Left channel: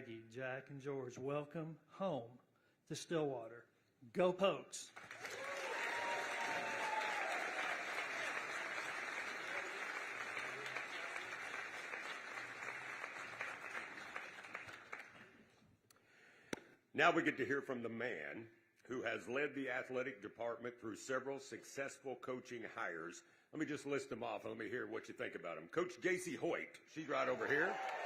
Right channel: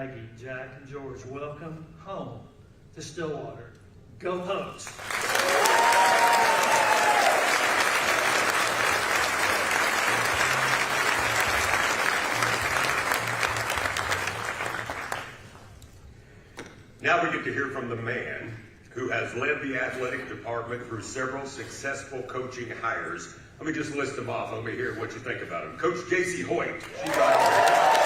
Maggie, Jack, and George, welcome home to Stillwater. Go Hogs! Now we get to hear from the man who has led the athletic department through several successful coaching hires. Let me just list them off. Let me hear what you think about him. Coach J.C. Hoyt. She's right there.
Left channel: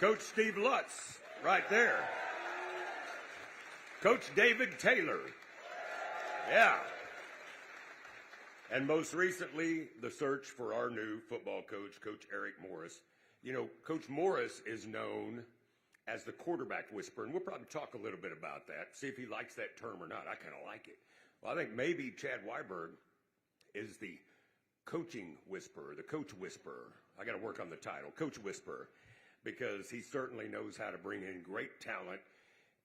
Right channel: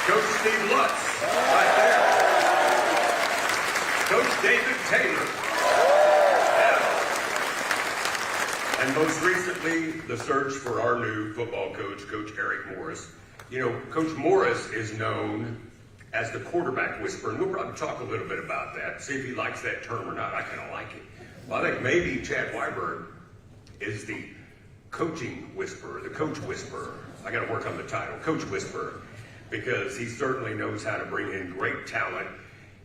Coach Steve Lutz. Right there. Coach David Taylor. Yeah. And most recently, the search for our new football coach, Coach Eric Morris. You know, Coach Morris is known as the quarterback whisperer, and we'll probably talk a little bit about that, see if he likes that term or not. I kind of like it. Well, I think maybe Chad Weiberg is the coaching whisperer, the coach whisperer. I got to work on the title, coach whisperer, because he certainly knows how to bring in great talent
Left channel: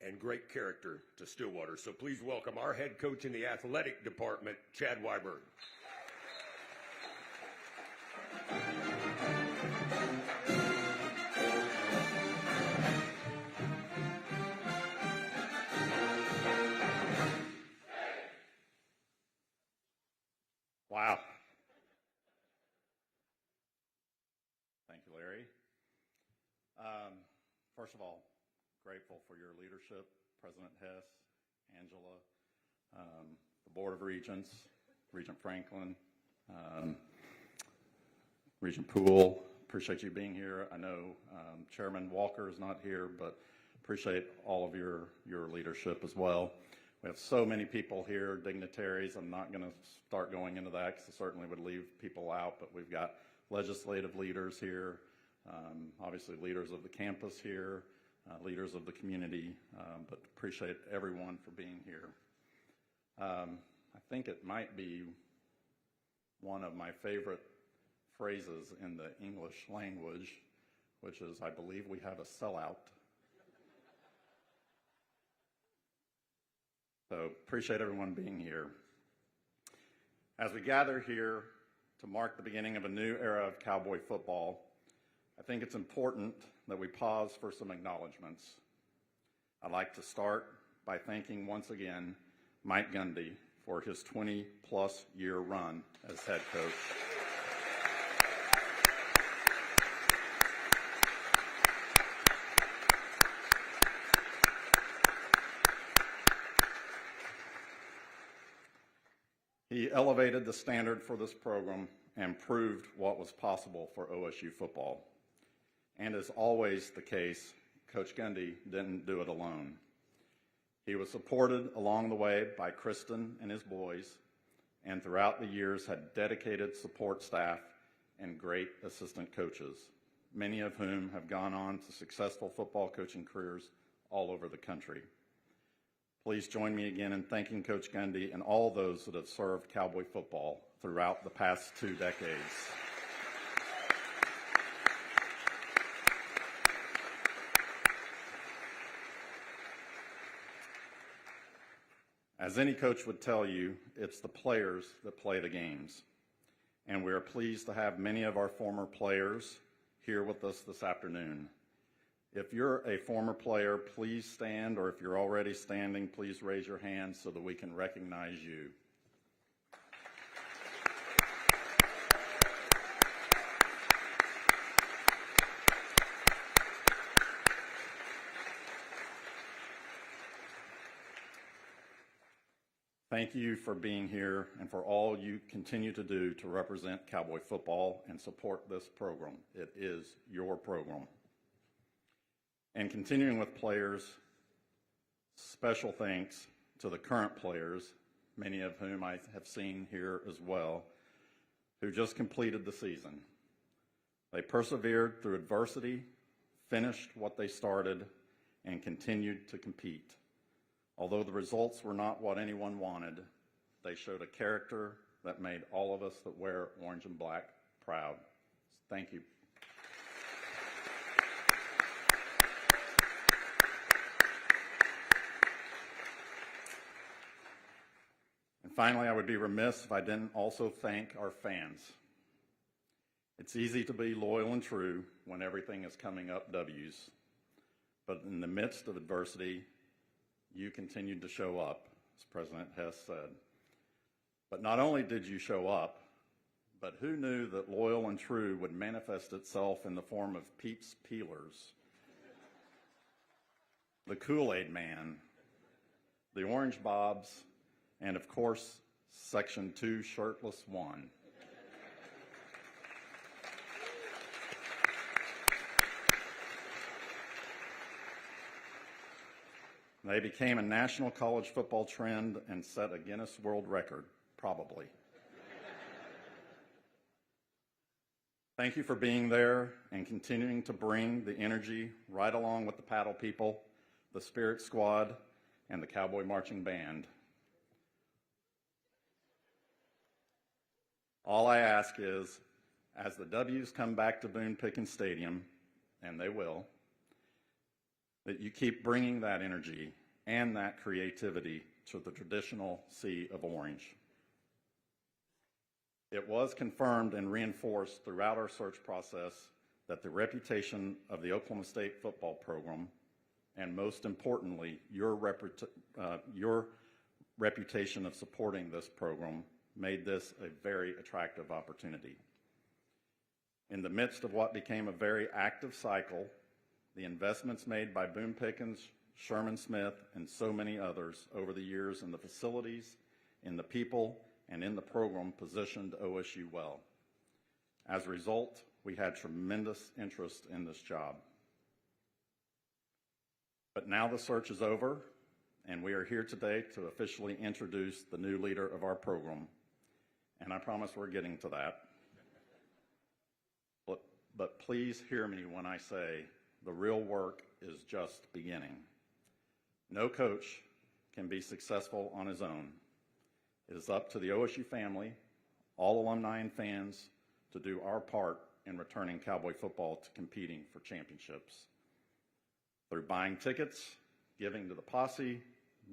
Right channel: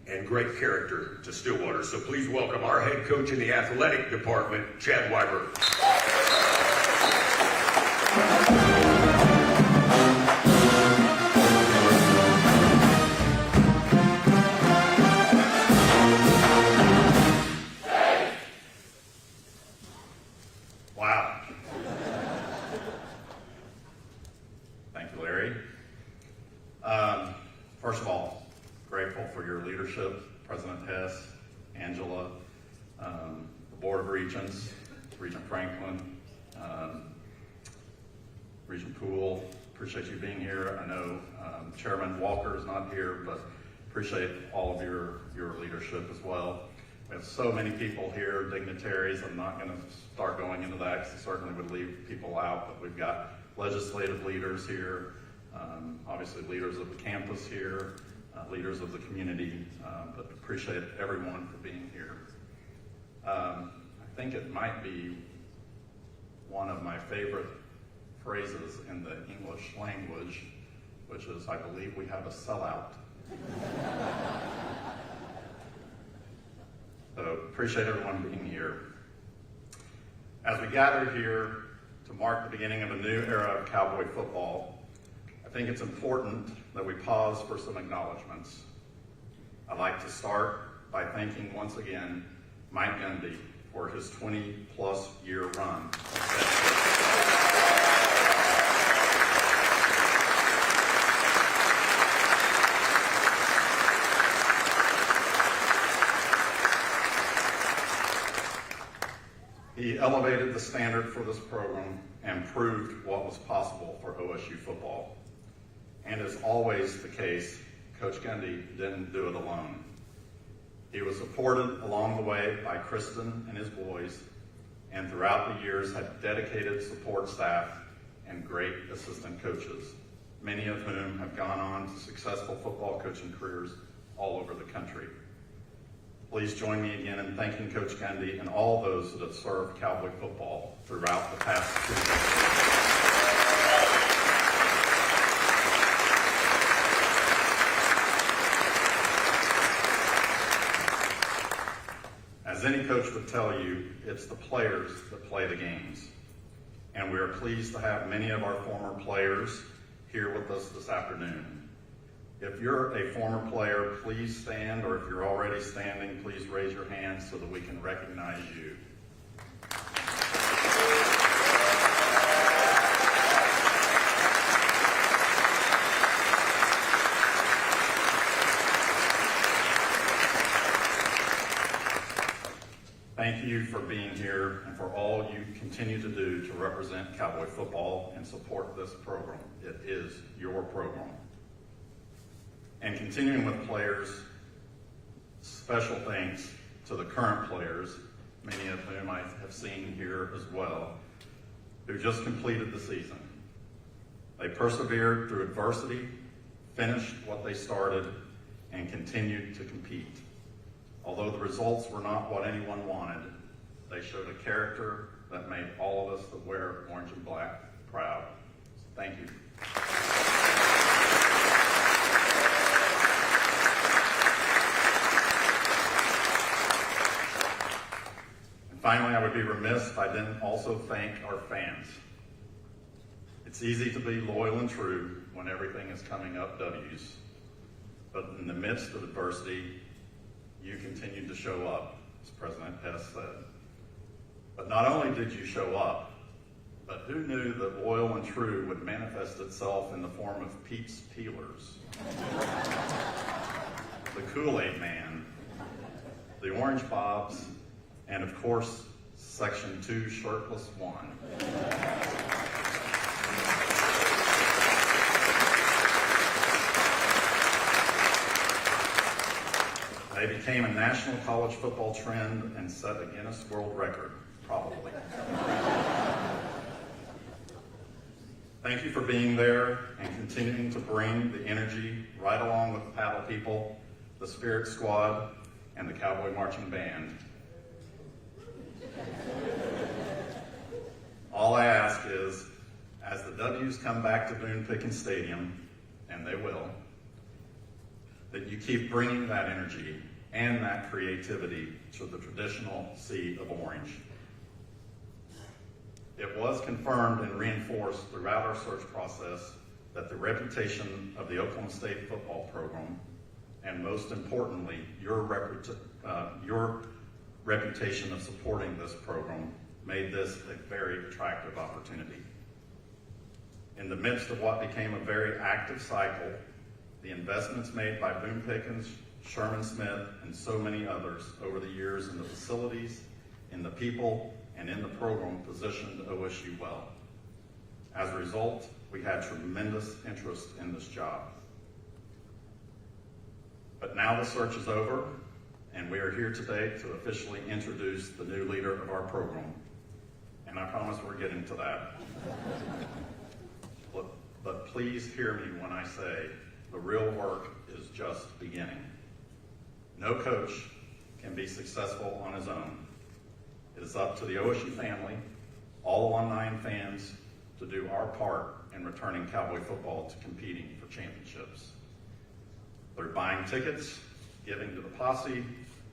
and great character to Stillwater. So please welcome our head coach in the athletic department, Chad Weiberg. First of all, grateful for your leadership, President Hess, Angela, the Board of Regents, Regent Franklin, Regent Poole. Appreciate you being here. I know Chairman Walker is not here, but appreciate all of your leadership as well. We have so many people here, dignitaries. I'm not going to start going into that. Certainly would leave people out, but we've got legislative leaders here. Obviously leaders of campus here, leaders of the community, but appreciate everyone for being here. I think it might be one of my favorite phrases in the English language, which is, I believe we have a sellout. So appreciate everyone being here. As we gather here to mark the beginning of a new era of Cowboy football, I think it's important that we pause for some acknowledgments. I'd like to start by thanking once again Mike Endy for his 20-plus year run. He elevated the standard for this program and proved what was possible for OSU football. And as always the case, Coach Kennedy didn't do it alone. He was supported along the way by Kristen and his boys, and throughout the years had dedicated support staff and great assistant coaches, many of whom have gone on to successful football coaching careers all over the country. Please join me again in thanking Coach Kennedy and all those that have served Cowboy football throughout the past 2 decades. As any coach will tell you, it's the players that play the games. And we are pleased to have many of our former players here with us this afternoon. If you're a former player, please stand, or if you're already standing, please raise your hand so that we can recognize you. Thank you for being here and for all you continue to do to represent Cowboy football and support this program. It is your program. And continuing with players, special thanks to the current players, many of whom I have seen here as well, who just completed the season. They persevered through adversity, finished what they started, and continued to compete. Although the results were not what anyone wanted, they showed a character that made all of us that wear orange and black proud. Thank you. And finally, I would be remiss if I didn't also thank our fans. It's easy to be loyal and true when everything is coming up up W's. But in the midst of adversity, you continue to show up, as President Hess said. But not only did you show up, but who knew that oil and true would manifest itself in the form of Pete's Peelers, the Kool-Aid Man, the Orange Bobs, and of course, Section 2 Shirtless 1. They became a national college football trend and set a Guinness World Record, probably. Thank you for being there and continuing to bring the energy right along with the Paddle People, the Spirit Squad, and the Cowboy Marching Band. All I ask is, as the W's come back to Boone Pickens Stadium, and they will, that you keep bringing that energy and that creativity to the traditional sea of orange. It was confirmed and reinforced throughout our search process that the reputation of the Oklahoma State football program, and most importantly, your reputation of supporting this program, made this a very attractive opportunity. In the midst of what became a very active cycle, the investments made by Boone Pickens, Sherman Smith, and so many others over the years in the facilities, in the people, and in the program positioned OSU well. As a result, we had tremendous interest in this job. But now the search is over, and we are here today to officially introduce the new leader of our program. And I promise we're getting to that. But please hear me when I say the real work is just beginning. No coach can be successful on his own. It is up to the OSU family, all online fans, to do our part in returning Cowboy football to competing for championships. Through buying tickets, giving to the posse,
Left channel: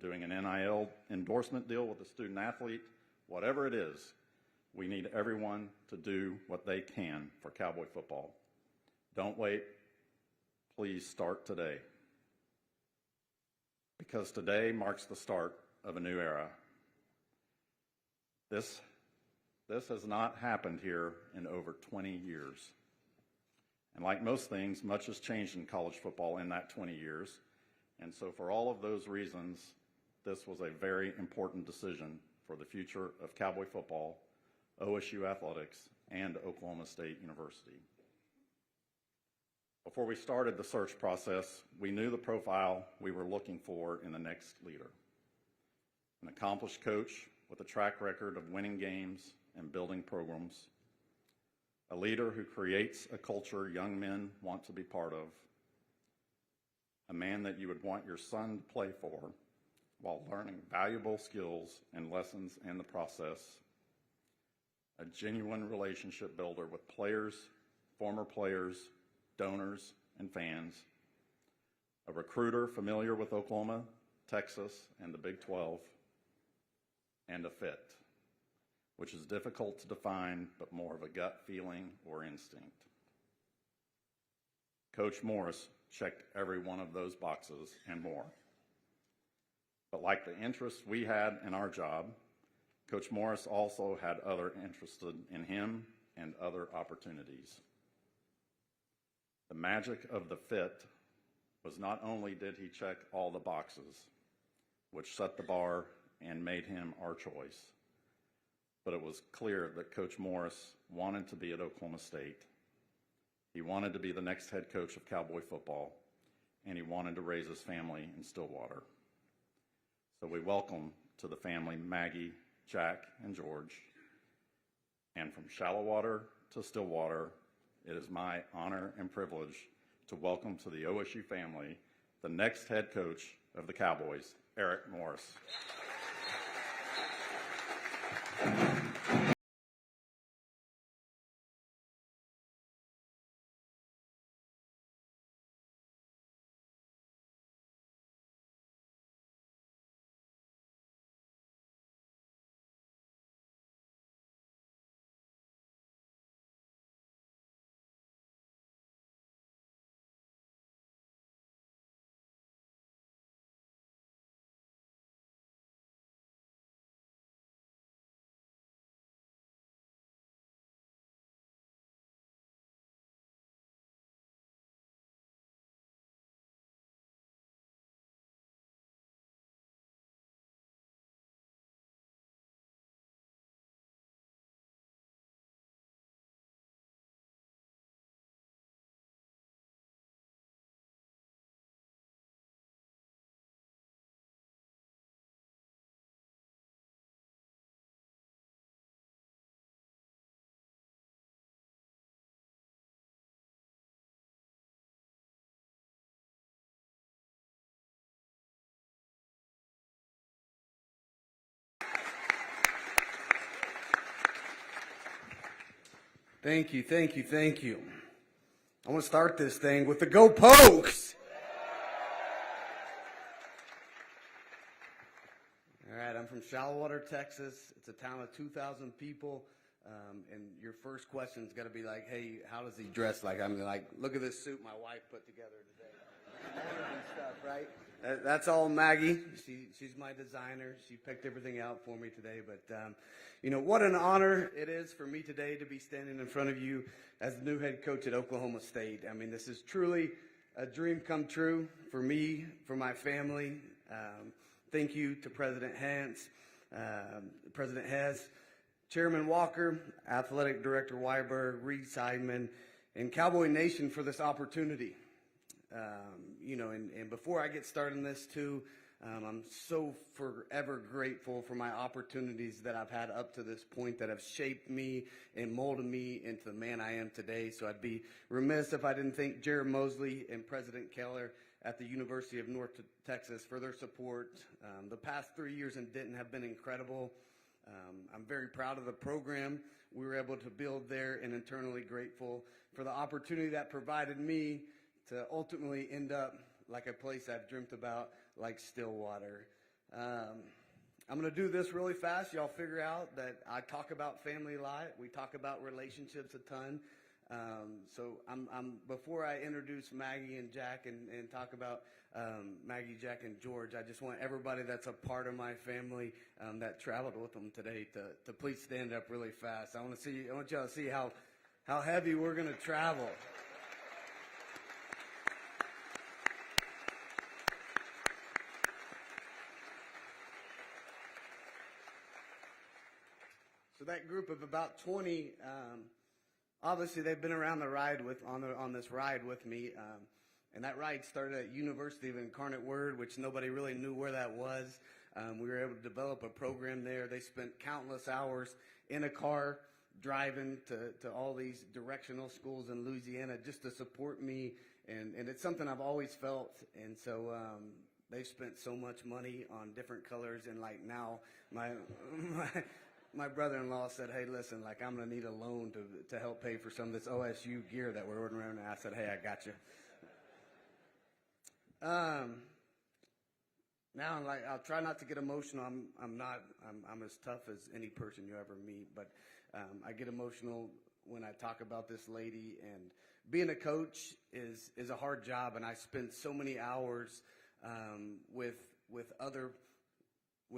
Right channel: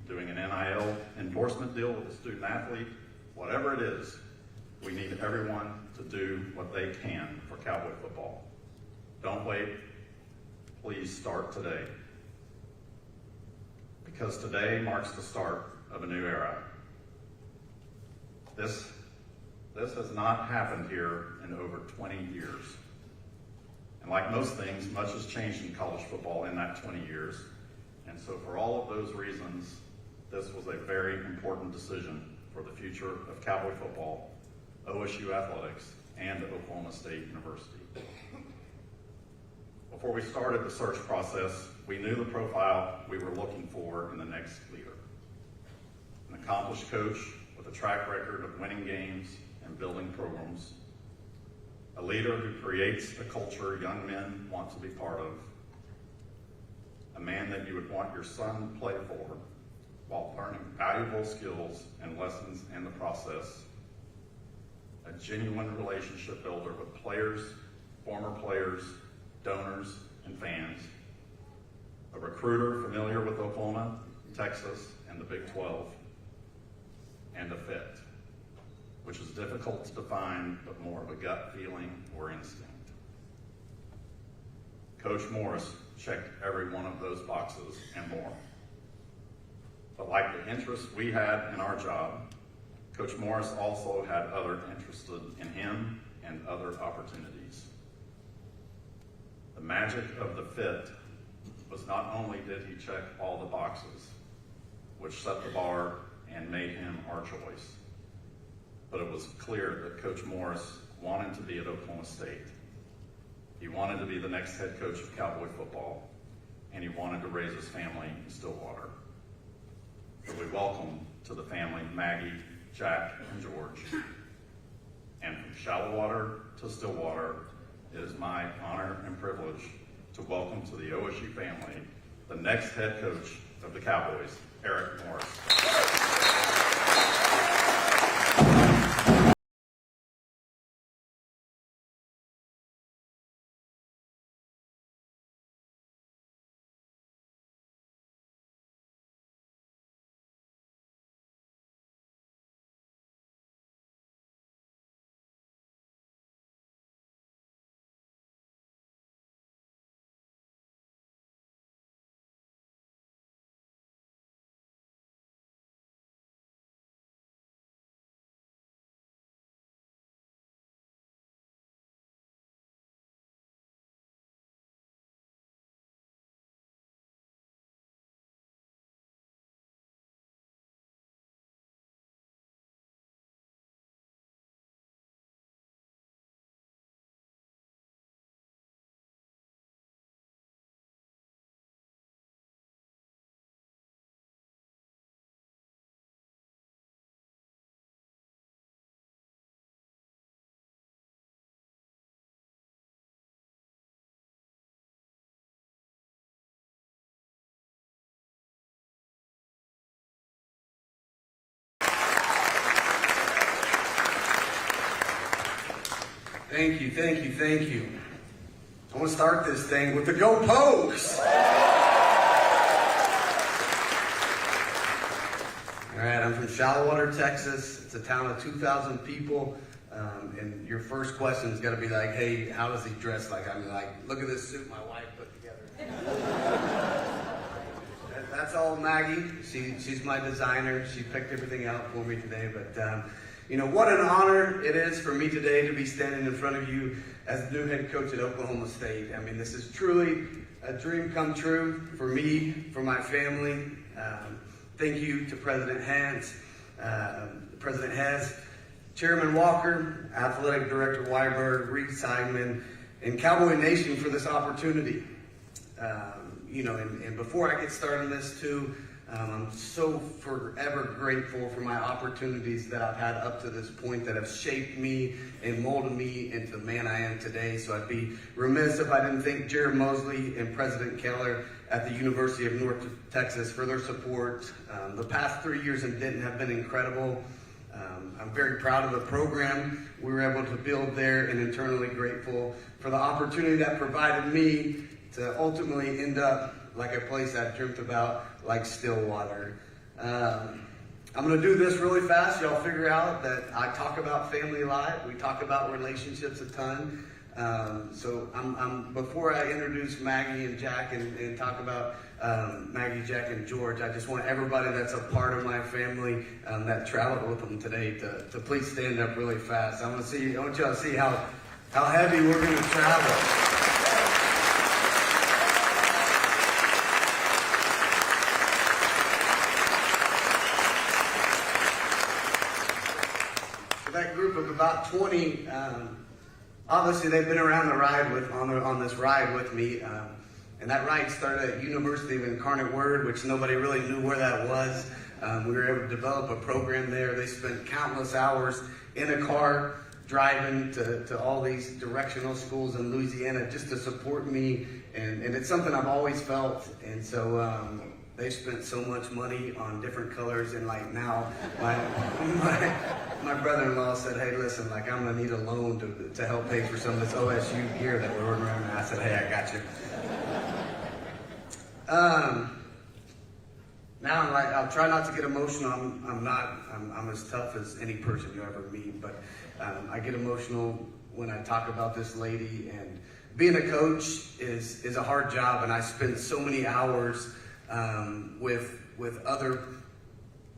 doing an NIL endorsement deal with the student athlete, whatever it is, we need everyone to do what they can for Cowboy football. Don't wait. Please start today. Because today marks the start of a new era. This has not happened here in over 20 years. And like most things, much has changed in college football in that 20 years. And so for all of those reasons, this was a very important decision for the future of Cowboy football, OSU athletics, and Oklahoma State University. Before we started the search process, we knew the profile we were looking for in the next leader. An accomplished coach with a track record of winning games and building programs. A leader who creates a culture young men want to be part of. A man that you would want your son to play for while learning valuable skills and lessons in the process. A genuine relationship builder with players, former players, donors, and fans. A recruiter familiar with Oklahoma, Texas, and the Big 12. And a fit, which is difficult to define, but more of a gut feeling or instinct. Coach Morris checked every one of those boxes and more. But like the interests we had in our job, Coach Morris also had other interests in him and other opportunities. The magic of the fit was not only did he check all the boxes, which set the bar and made him our choice, but it was clear that Coach Morris wanted to be at Oklahoma State. He wanted to be the next head coach of Cowboy football, and he wanted to raise his family in Stillwater. So we welcome to the family Maggie, Jack, and George. And from Shallowwater to Stillwater, it is my honor and privilege to welcome to the OSU family the next head coach of the Cowboys, Eric Morris. Thank you, thank you, thank you. I want to start this thing with the Go Pokes! All right, I'm from Shallowater, Texas. It's a town of 2,000 people. And your first question's got to be like, hey, how does he dress? Like, I'm like, look at this suit my wife put together. That's all Maggie. She's my designer. She picked everything out for me today. But, you know, what an honor it is for me today to be standing in front of you as the new head coach at Oklahoma State. I mean, this is truly a dream come true for me, for my family. Thank you to President Hess, Chairman Walker, Athletic Director Weiberg, Reed Simon, and Cowboy Nation for this opportunity. You know, and before I get started on this too, I'm so forever grateful for my opportunities that I've had up to this point that have shaped me and molded me into the man I am today. So I'd be remiss if I didn't thank Jared Mosley and President Keller at the University of North Texas for their support. The past 3 years in Denton have been incredible. I'm very proud of the program we were able to build there and internally grateful for the opportunity that provided me to ultimately end up like a place I've dreamt about, like Stillwater. I'm going to do this really fast. Y'all figure out that I talk about family a lot. We talk about relationships a ton. So before I introduce Maggie and Jack and talk about Maggie, Jack, and George, I just want everybody that's a part of my family that traveled with them today to please stand up really fast. I want y'all to see how heavy we're going to travel. That group of about 20, obviously they've been around the ride on this ride with me. And that ride started at University of Incarnate Word, which nobody really knew where that was. We were able to develop a program there. They spent countless hours in a car driving to all these directional schools in Louisiana just to support me. And it's something I've always felt. And so they spent so much money on different colors. And like now, my brother-in-law said, hey, listen, like I'm going to need a loan to help pay for some of this OSU gear that we're ordering around. And I said, hey, I got you. Now I'm like, I'll try not to get emotional. I'm as tough as any person you ever meet, but I get emotional when I talk about this lady. And being a coach is a hard job, and I spend so many hours with other,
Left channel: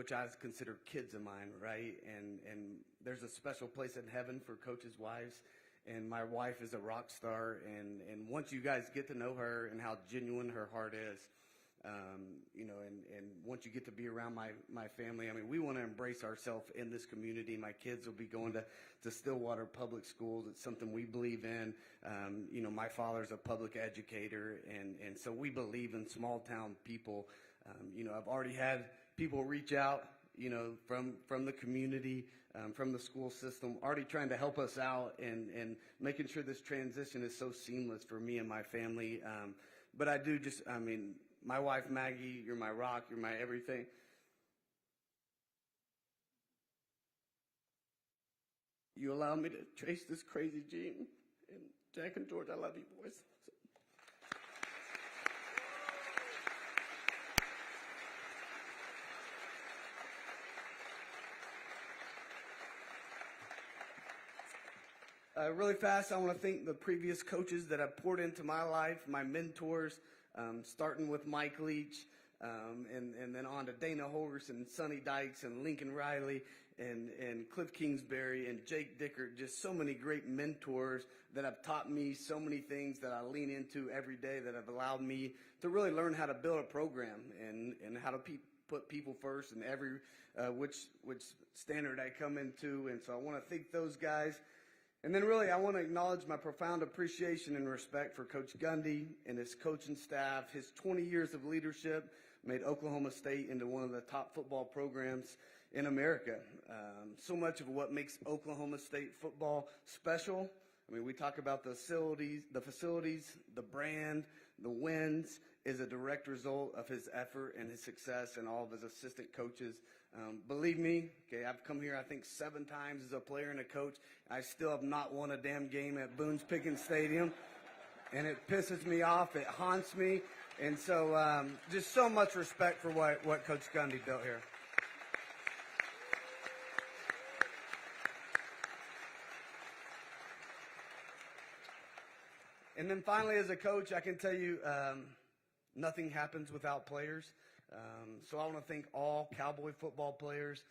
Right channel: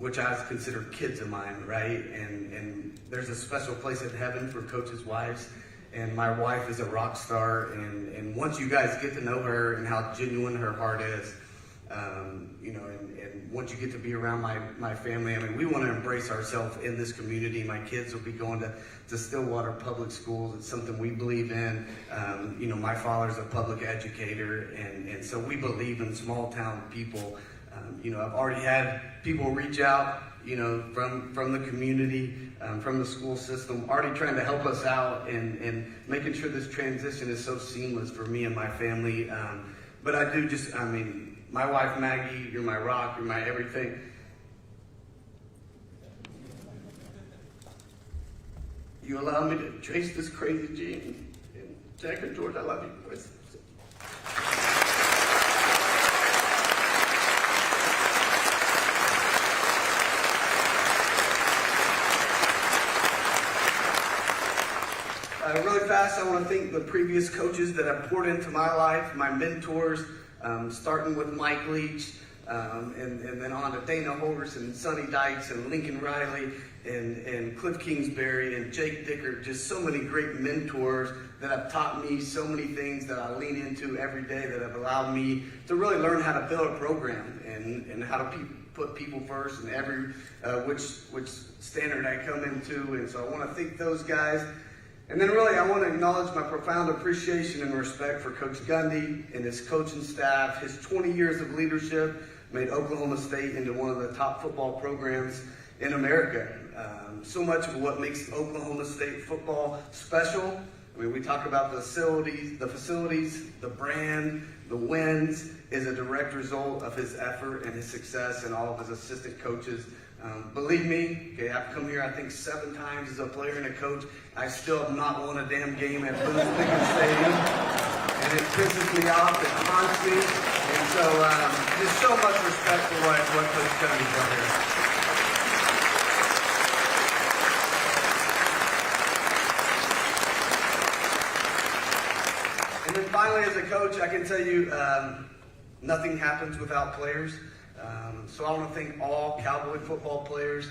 which I consider kids of mine, right? And there's a special place in heaven for coaches' wives. And my wife is a rock star, and once you guys get to know her and how genuine her heart is, you know, and once you get to be around my family, I mean, we want to embrace ourselves in this community. My kids will be going to Stillwater Public Schools. It's something we believe in. You know, my father's a public educator, and so we believe in small town people. You know, I've already had people reach out, you know, from the community, from the school system, already trying to help us out and making sure this transition is so seamless for me and my family. But I mean, my wife, Maggie, you're my rock, you're my everything. You allow me to chase this crazy gene. And Jack and George, I love you. Really fast, I want to thank the previous coaches that have poured into my life, my mentors, starting with Mike Leach, and then on to Dana Holderson, Sonny Dykes, and Lincoln Riley, and Cliff Kingsbury, and Jake Dicker. Just so many great mentors that have taught me so many things that I lean into every day that have allowed me to really learn how to build a program and how to put people first and every which standard I come into. And so I want to thank those guys. And then really, I want to acknowledge my profound appreciation and respect for Coach Gundy and his coaching staff. His 20 years of leadership made Oklahoma State into one of the top football programs in America. So much of what makes Oklahoma State football special. I mean, we talk about the facilities, the brand, the wins, is a direct result of his effort and his success and all of his assistant coaches. Believe me, I've come here, I think, 7 times as a player and a coach. I still have not won a damn game at Boone's Pickens Stadium. And it pisses me off, it haunts me. And so, just so much respect for what Coach Cuddy's done here. And then finally, as a coach, I can tell you, nothing happens without players. So I want to thank all Cowboy football players,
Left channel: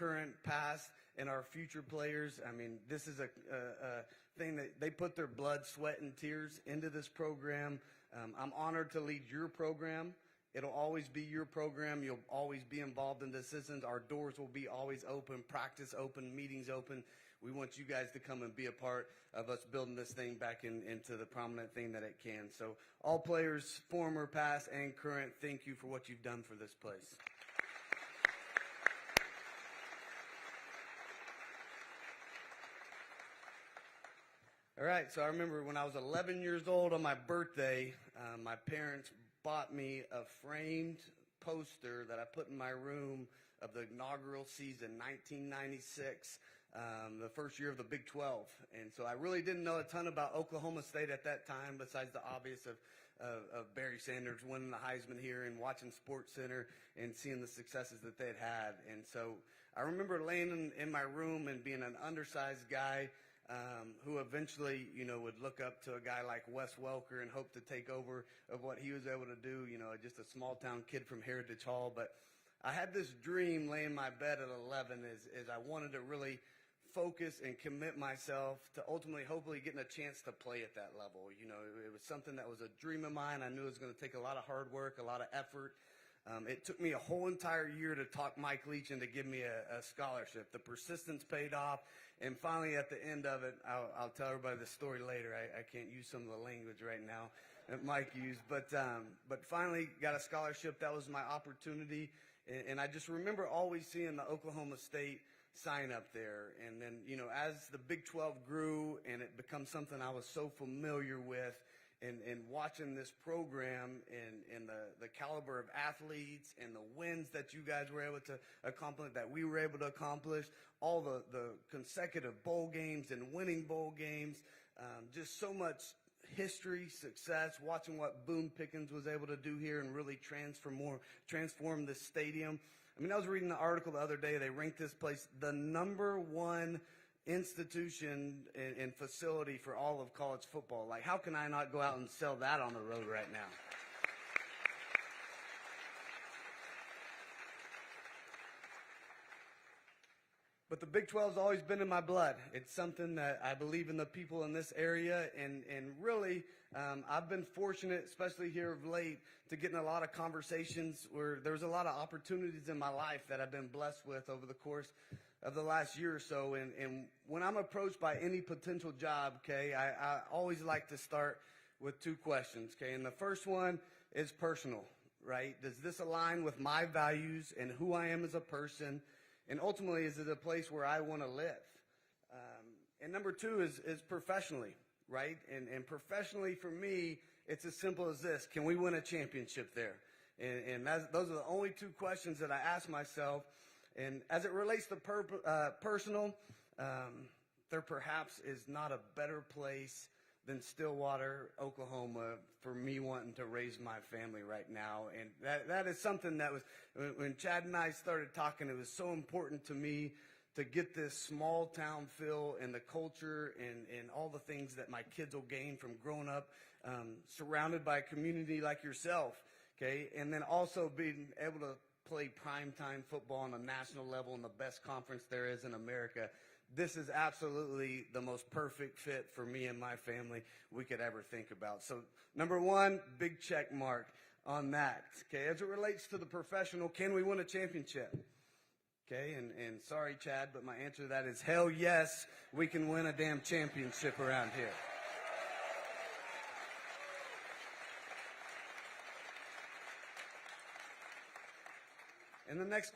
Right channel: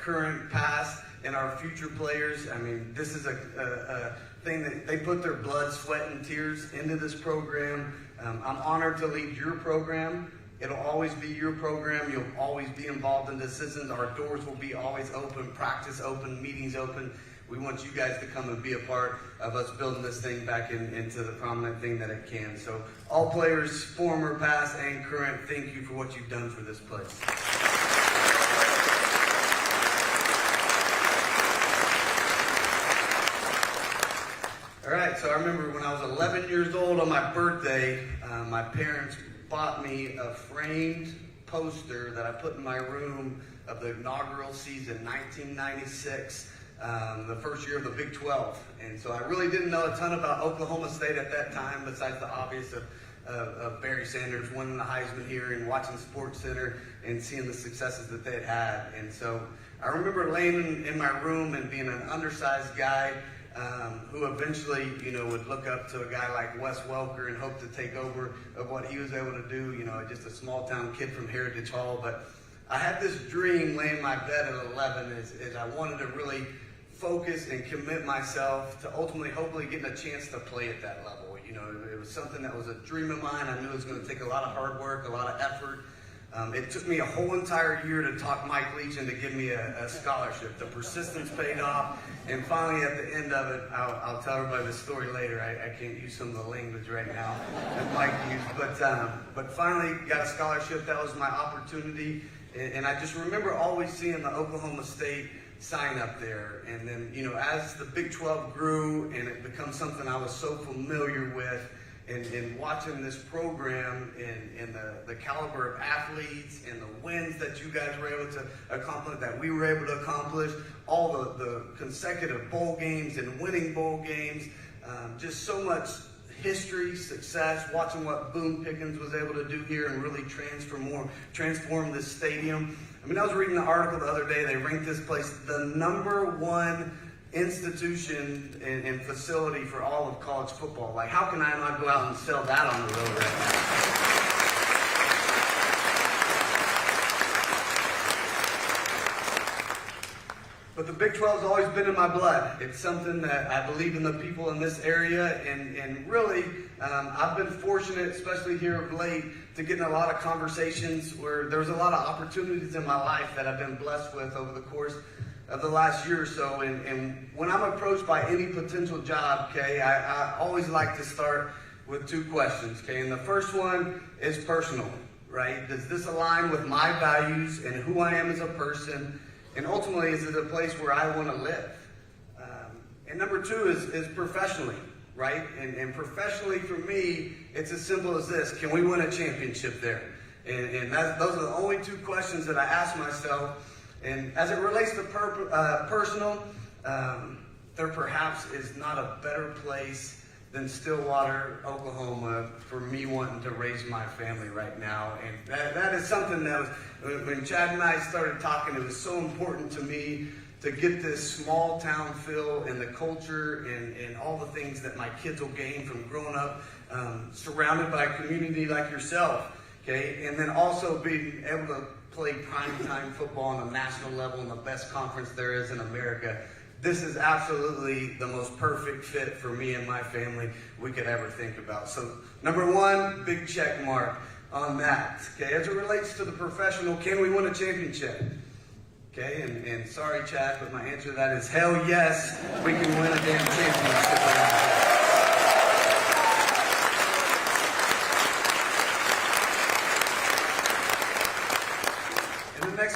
current, past, and our future players. I mean, this is a thing that they put their blood, sweat, and tears into this program. I'm honored to lead your program. It'll always be your program. You'll always be involved in decisions. Our doors will be always open, practice open, meetings open. We want you guys to come and be a part of us building this thing back into the prominent thing that it can. So all players, former, past, and current, thank you for what you've done for this place. All right, so I remember when I was 11 years old on my birthday, my parents bought me a framed poster that I put in my room of the inaugural season, 1996. The first year of the Big 12. And so I really didn't know a ton about Oklahoma State at that time, besides the obvious of Barry Sanders winning the Heisman here and watching Sports Center and seeing the successes that they had. And so I remember laying in my room and being an undersized guy who eventually, would look up to a guy like Wes Welker and hope to take over what he was able to do, just a small town kid from Heritage Hall. But I had this dream laying in my bed at 11 is I wanted to really focus and commit myself to ultimately, hopefully, getting a chance to play at that level. It was something that was a dream of mine. I knew it was going to take a lot of hard work, a lot of effort. It took me a whole entire year to talk Mike Legion to give me a scholarship. The persistence paid off, and finally, at the end of it, I'll tell everybody the story later. I can't use some of the language right now that Mike used, but finally got a scholarship. That was my opportunity, and I just remember always seeing the Oklahoma State sign up there. And then, as the Big 12 grew and it becomes something I was so familiar with, and watching this program and the caliber of athletes and the wins that you guys were able to accomplish, that we were able to accomplish, all the consecutive bowl games and winning bowl games, just so much history, success, watching what Boone Pickens was able to do here and really transform this stadium. I mean, I was reading an article the other day. They ranked this place the #1 institution and facility for all of college football. Like, how can I not go out and sell that on the road right now? But the Big 12 has always been in my blood. It's something that I believe in the people in this area, and really, I've been fortunate, especially here of late, to get in a lot of conversations where there's a lot of opportunities in my life that I've been blessed with over the course of the last year or so. And when I'm approached by any potential job, okay, I always like to start with 2 questions, okay? And the first one is personal, right? Does this align with my values and who I am as a person? And ultimately, is it a place where I want to live? And number 2 is professionally, right? And professionally, for me, it's as simple as this. Can we win a championship there? And those are the only 2 questions that I ask myself. And as it relates to personal, there perhaps is not a better place than Stillwater, Oklahoma, for me wanting to raise my family right now. And that is something that was, when Chad and I started talking, it was so important to me to get this small town feel and the culture and all the things that my kids will gain from growing up surrounded by a community like yourself, okay? And then also being able to play primetime football on the national level in the best conference there is in America. This is absolutely the most perfect fit for me and my family we could ever think about. So, number 1, big check mark on that. Okay, as it relates to the professional, can we win a championship? Okay, and sorry, Chad, but my answer to that is hell yes, we can win a damn championship.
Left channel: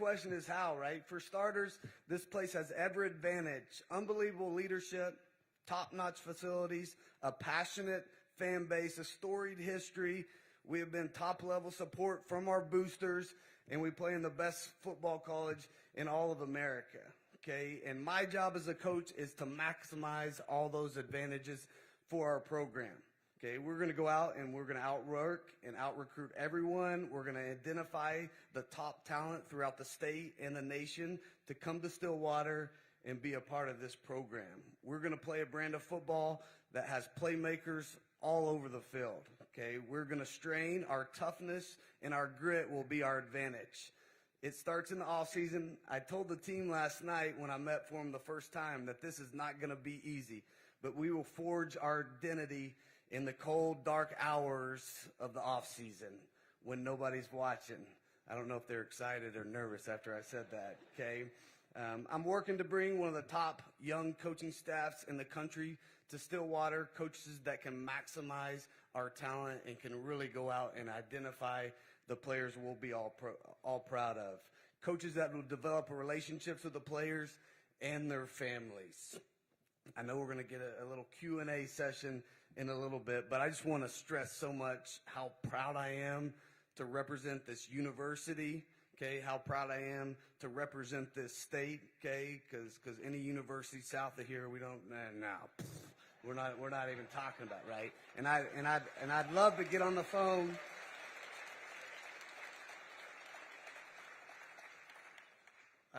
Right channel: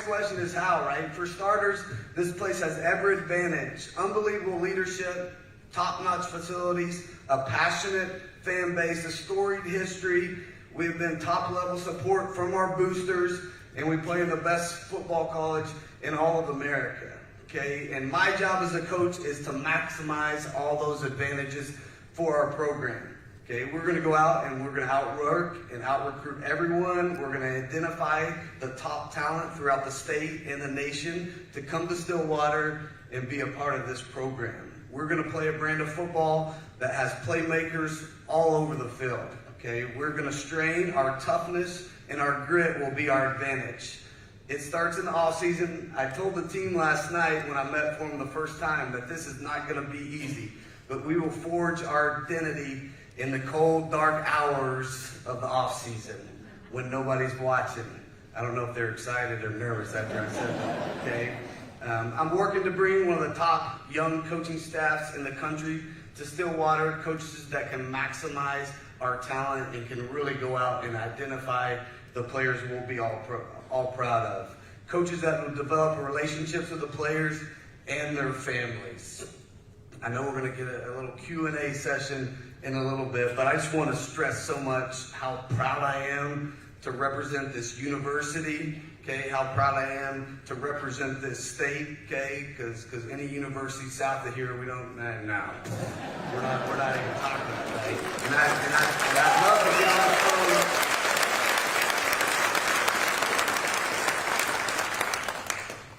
Question is how, right? For starters, this place has every advantage. Unbelievable leadership, top-notch facilities, a passionate fan base, a storied history. We've been top-level support from our boosters, and we play in the best football college in all of America. okay? And my job as a coach is to maximize all those advantages for our program. Okay, we're going to go out and we're going to outwork and out-recruit everyone. We're going to identify the top talent throughout the state and the nation to come to Stillwater and be a part of this program. We're going to play a brand of football that has playmakers all over the field. Okay, we're going to strain our toughness, and our grit will be our advantage. It starts in the off season. I told the team last night when I met for them the first time that this is not going to be easy, but we will forge our identity in the cold, dark hours of the off season when nobody's watching. I don't know if they're excited or nervous after I said that. Okay, I'm working to bring one of the top young coaching staffs in the country to Stillwater, coaches that can maximize our talent and can really go out and identify the players we'll be all proud of. Coaches that will develop relationships with the players and their families. I know we're going to get a little Q&A session in a little bit, but I just want to stress so much how proud I am to represent this university, okay, how proud I am to represent this state, okay, because any university south of here, we don't, no, we're not even talking about it, right? And I love to get on the phone.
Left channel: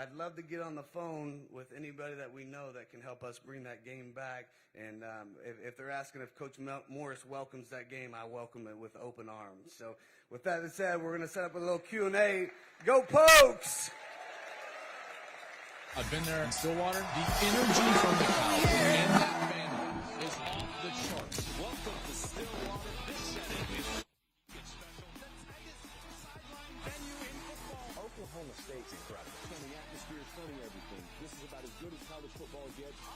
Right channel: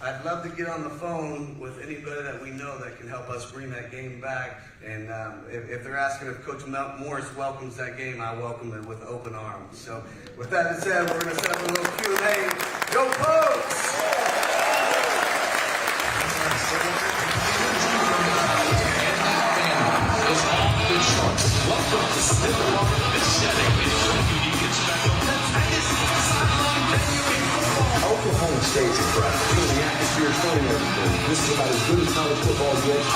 I'd love to get on the phone with anybody that we know that can help us bring that game back. And if they're asking if Coach Morris welcomes that game, I welcome it with open arms. So with that said, we're going to set up a little Q&A. Go Phillips! Oklahoma State's incredible. The atmosphere is showing everything. This is about as good as college football gets.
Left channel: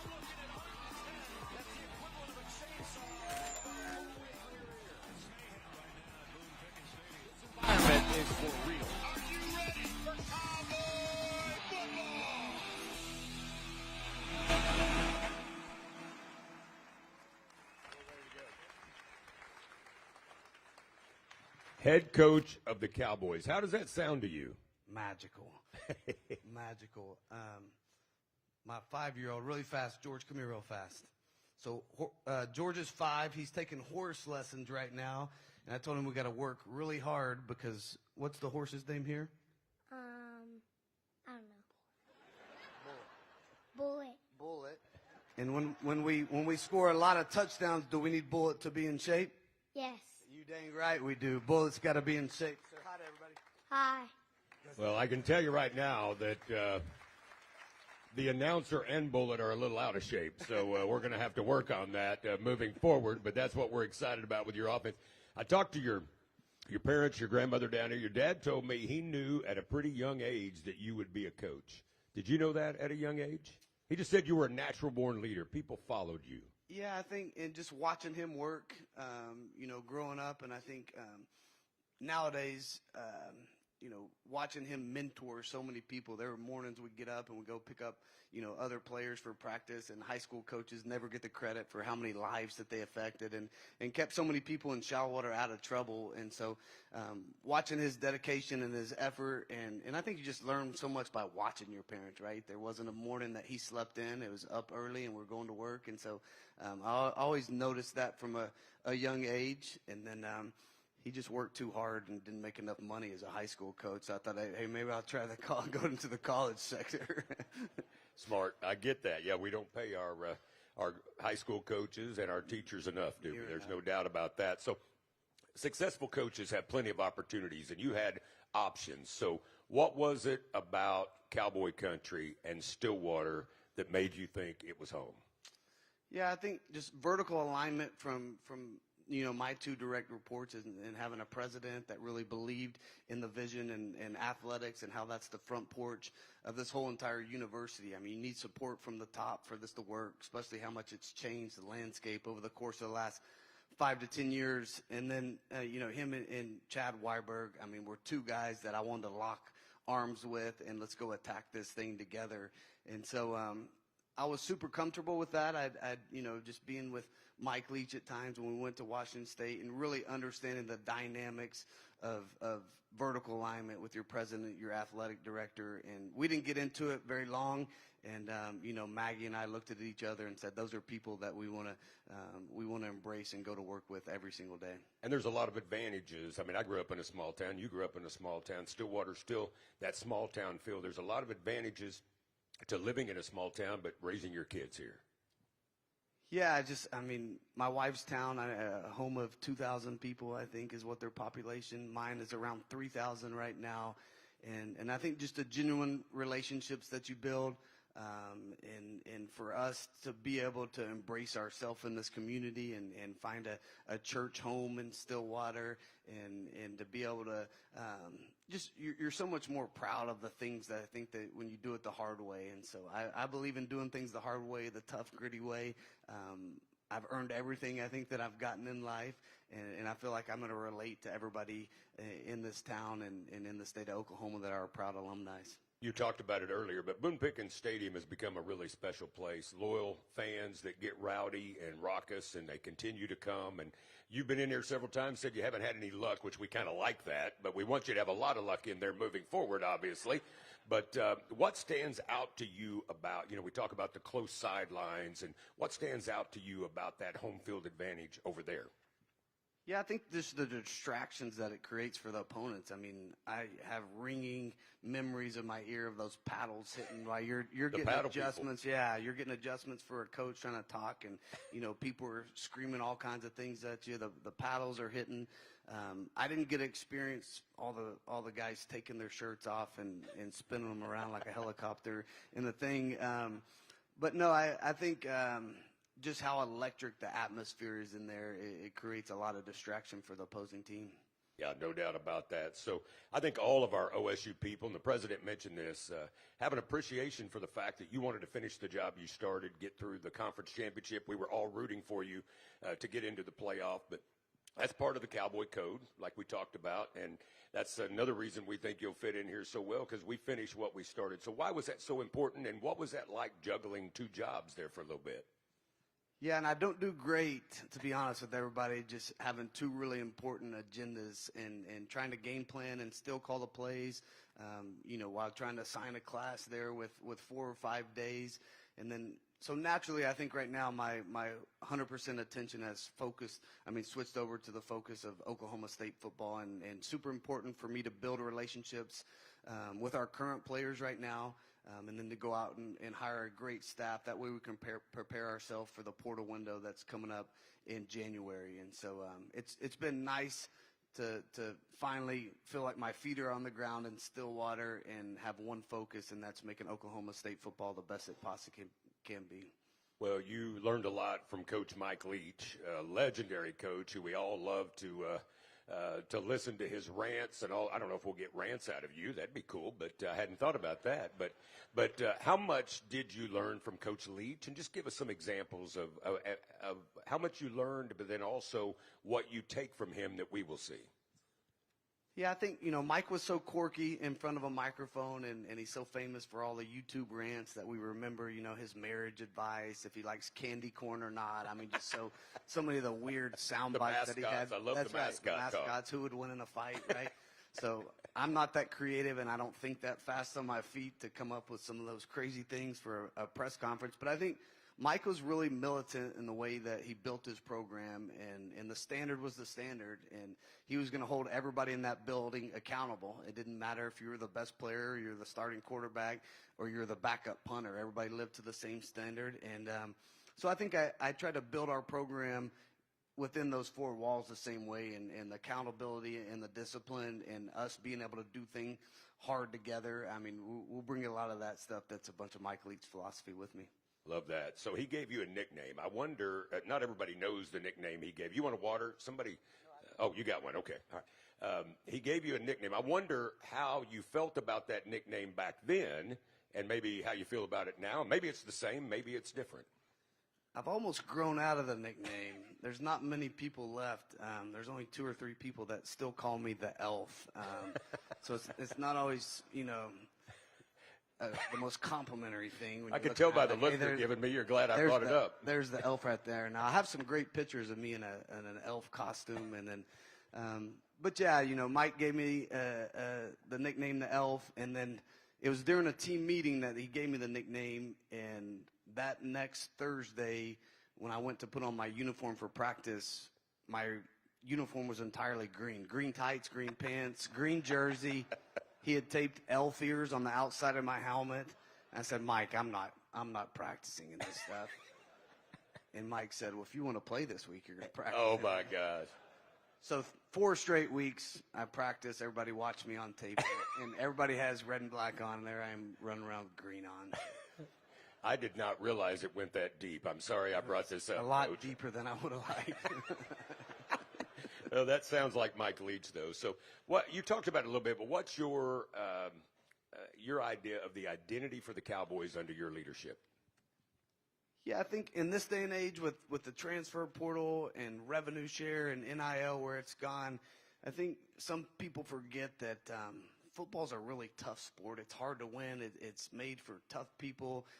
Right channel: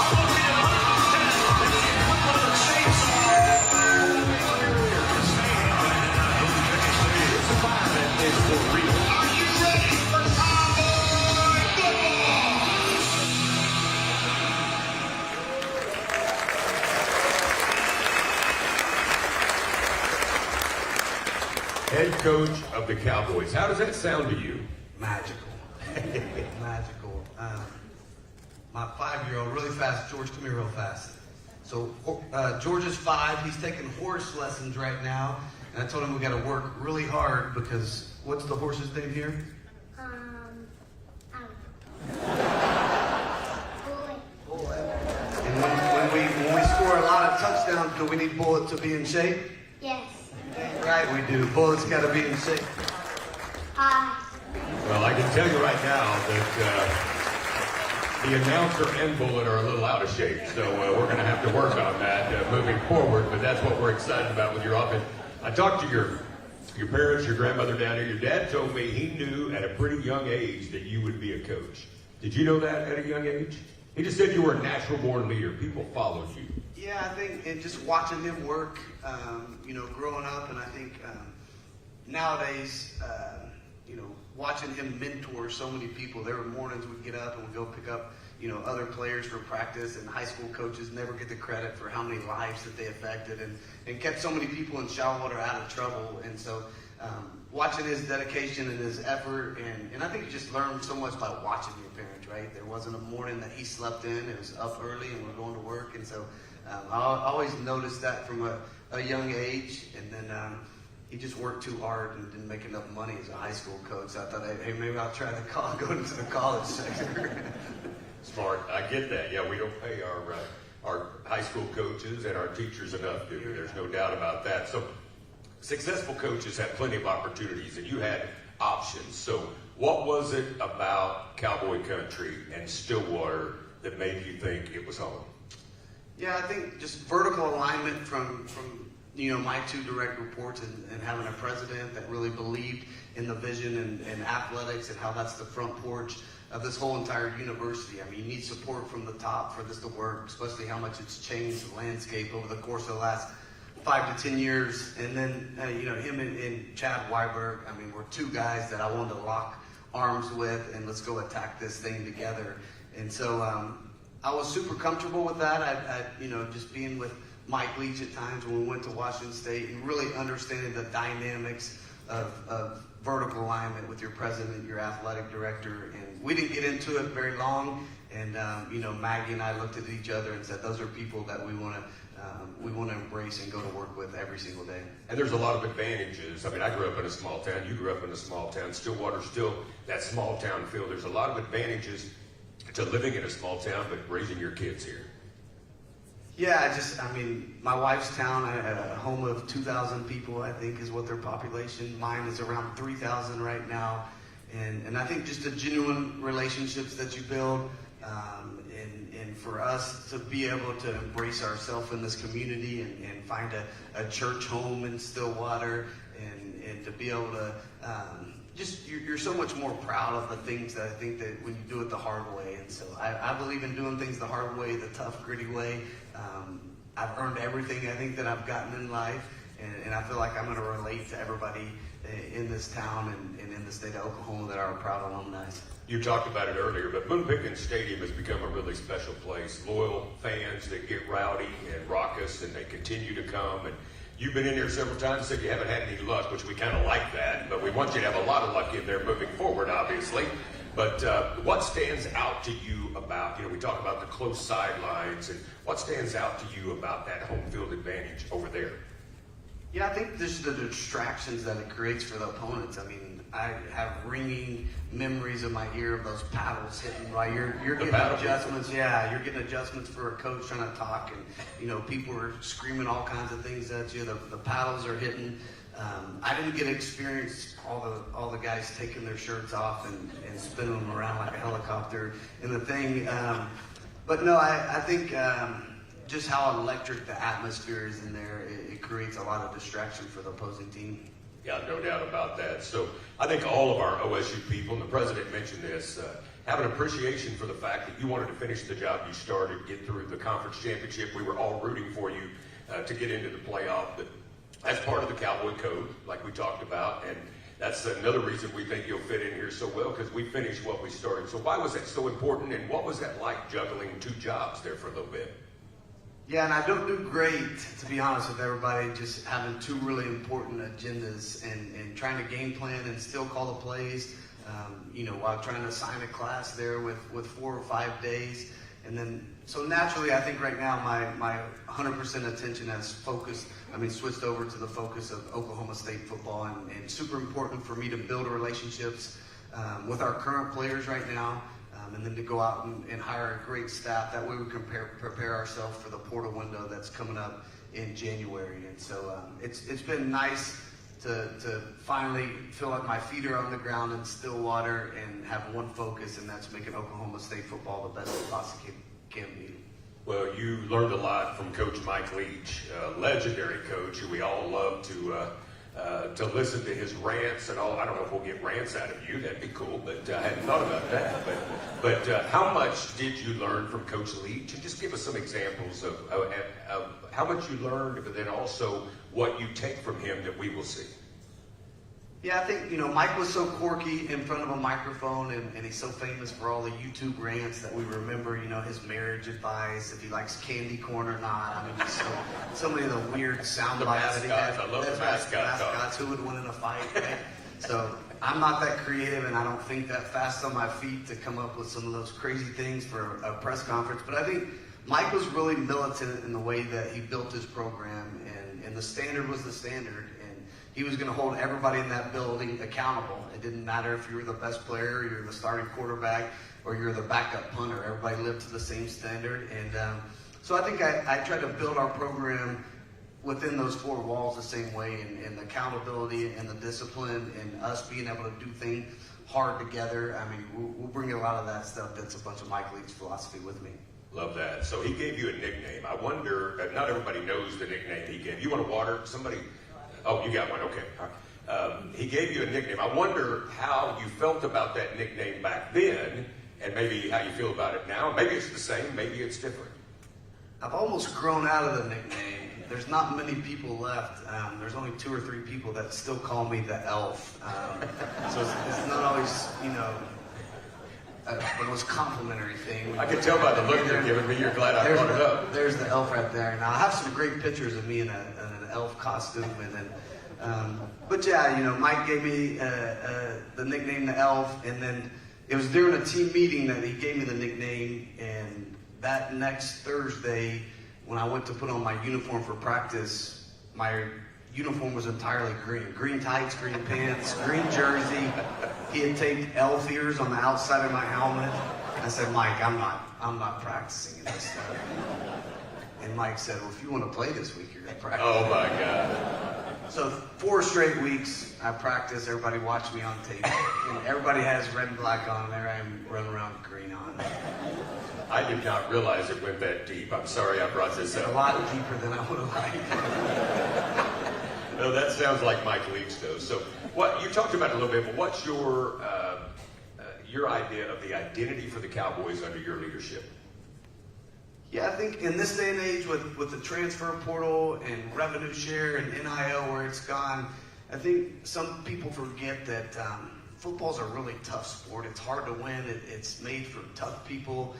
Head coach of the Cowboys. How does that sound to you? Magical. Magical. My 5-year-old, really fast. George, come here real fast. So George is 5. He's taking horse lessons right now. And I told him we got to work really hard because what's the horse's name here? Bullet. And when we score a lot of touchdowns, do we need Bullet to be in shape? Yes. Right, we do. Bullet's got to be in shape. Well, I can tell you right now that the announcer and Bullet are a little out of shape, so we're going to have to work on that moving forward, but that's what we're excited about with your offense. I talked to your parents, your grandmother down here. Your dad told me he knew at a pretty young age that you would be a coach. Did you know that at a young age? He just said you were a natural-born leader. People followed you. Yeah, I think just watching him work, growing up, and I think nowadays, watching him mentor so many people. There were mornings we'd get up and we'd go pick up, other players for practice, and high school coaches never get the credit for how many lives that they affected and kept so many people in Shawwater out of trouble. And so watching his dedication and his effort, and I think you just learn so much by watching your parents, right? There wasn't a morning that he slept in. It was up early and we're going to work. And so I always noticed that from a young age. And then he just worked too hard and didn't make enough money as a high school coach. So I thought, hey, maybe I'll try to go into the college sector. Smart. I get that. Yeah, we don't pay our high school coaches and our teachers enough, do we? There's no doubt about that. So successful coaches have plenty of opportunities, and you had options. So what was it about Cowboy Country and Stillwater that made you think it was home? Yeah, I think just vertical alignment from my 2 direct reports and having a president that really believed in the vision and athletics and how that's the front porch of this whole entire university. I mean, you need support from the top for this to work, especially how much it's changed the landscape over the course of the last 5 to 10 years. And then, him and Chad Weiberg, I mean, we're 2 guys that I wanted to lock arms with and let's go attack this thing together. And so I was super comfortable with that. Just being with Mike Leach at times when we went to Washington State and really understanding the dynamics of vertical alignment with your president, your athletic director, and we didn't get into it very long. And Maggie and I looked at each other and said, those are people that we want to embrace and go to work with every single day. And there's a lot of advantages. I mean, I grew up in a small town. You grew up in a small town. Stillwater's still that small town feel. There's a lot of advantages to living in a small town, but raising your kids here. Yeah, my wife's town, a home of 2,000 people, I think, is what their population. Mine is around 3,000 right now. And I think just the genuine relationships that you build, and for us to be able to embrace ourselves in this community and find a church home in Stillwater, and to be able to you're so much more proud of the things that I think that when you do it the hard way. And so I believe in doing things the hard way, the tough, gritty way. I've earned everything I think that I've gotten in life, and I feel like I'm going to relate to everybody in this town and in the state of Oklahoma that are proud alumni. You talked about it earlier, but Boone Pickens Stadium has become a really special place. Loyal fans that get rowdy and raucous, and they continue to come. And you've been in here several times, so you haven't had any luck, which we kind of like that. But we want you to have a lot of luck in there moving forward, obviously. But what stands out to you about, we talk about the close sidelines, and what stands out to you about that home field advantage over there? Yeah, I think just the distractions that it creates for the opponents. I mean, I have ringing memories in my ear of those paddles hitting while you're getting adjustments. Yeah, you're getting adjustments for a coach trying to talk, and people are screaming all kinds of things at you. The paddles are hitting. I didn't get to experience all the guys taking their shirts off and spinning them around like a helicopter and the thing. But no, I think just how electric the atmosphere is in there, it creates a lot of distraction for the opposing team. Yeah, no doubt about that. So I think all of our OSU people, and the president mentioned this, have an appreciation for the fact that you wanted to finish the job you started, get through the conference championship. We were all rooting for you to get into the playoff. But that's part of the Cowboy Code, like we talked about, and that's another reason we think you'll fit in here so well, because we finished what we started. So why was that so important, and what was that like juggling two jobs there for a little bit? Yeah, and I don't do great, to be honest with everybody, just having two really important agendas and trying to game plan and still call the plays, while trying to sign a class there with 4 or 5 days. And then, so naturally, I think right now my 100% attention has switched over to the focus of Oklahoma State football, and it's super important for me to build relationships with our current players right now, and then to go out and hire a great staff. That way we can prepare ourselves for the portal window that's coming up in January. And so it's been nice to finally feel like my feet are on the ground in Stillwater and have one focus, and that's making Oklahoma State football the best it possibly can be. Well, you learned a lot from Coach Mike Leach, a legendary coach who we all love to listen to his rants and all. I don't know if we'll get rants out of you. That'd be cool, but I hadn't thought about that. But how much did you learn from Coach Leach? And just give us some examples of how much you learned, but then also what you take from him that we will see. Yeah, I think, Mike was so quirky in front of a microphone, and he's so famous for all the YouTube rants that we remember, his marriage advice, if he likes candy corn or not. I mean, so many of the weird sound bites that he had. I love the mascots. Who would win in a fight, right? So I'm not that creative, and I don't think that fast on my feet to come up with some of those crazy things for a press conference. But I think Mike was really militant in the way that he built his program, and the standard was the standard. He was going to hold everybody in that building accountable. It didn't matter if you were the best player, you're the starting quarterback, or you're the backup punter. Everybody lived to the same standard. And so I think I tried to build our program within those 4 walls the same way, and the accountability and the discipline and us being able to do things hard together. I mean, we'll bring a lot of that stuff that's a bunch of Mike Leach's philosophy with me. Love that. So he gave you a nickname. I wonder, not everybody knows the nickname he gave. You want to water? Somebody? Oh, you got one. Okay. He gave you a nickname. I wonder how you felt about that nickname back then, and maybe how you feel about it now. Maybe it's the same. Maybe it's different. I've almost grown out of the nickname. There's not many people left. There's only 2 or 3 people that still call me the Elf. So it's not always, the most complimentary thing. I can tell by the look you're giving me. You're glad I brought it up. There's the Elf right there. And I have some great pictures of me in an elf costume, and then But yeah, you know, Mike gave me the nickname the Elf, and then it was during a team meeting that he gave me the nickname. And that next Thursday, when I went to put on my uniform for practice, my uniform was entirely green. Green tights, green pants, green jersey. He had taped elf ears on the outside of my helmet. I said, Mike, I'm not practicing this. And Mike said, well, if you want to play this week, you're going to practice. Oh my God. So 4 straight weeks, I practiced, everybody watching me on tape. And everybody has red and black on, there I am running around with green on. I did not realize it went that deep. I'm sorry I brought this It's a up. lot deeper than I would have liked. No, that sounds like Mike Leach, though. So, what you talked about a little bit. But what's your idea of the identity for the Cowboys under your leadership? Yeah, I think in this day and age with the transfer portal and revenue share and NIL where it's gone, I think some people forget that football's a really tough sport. It's hard to win. It's made for tough people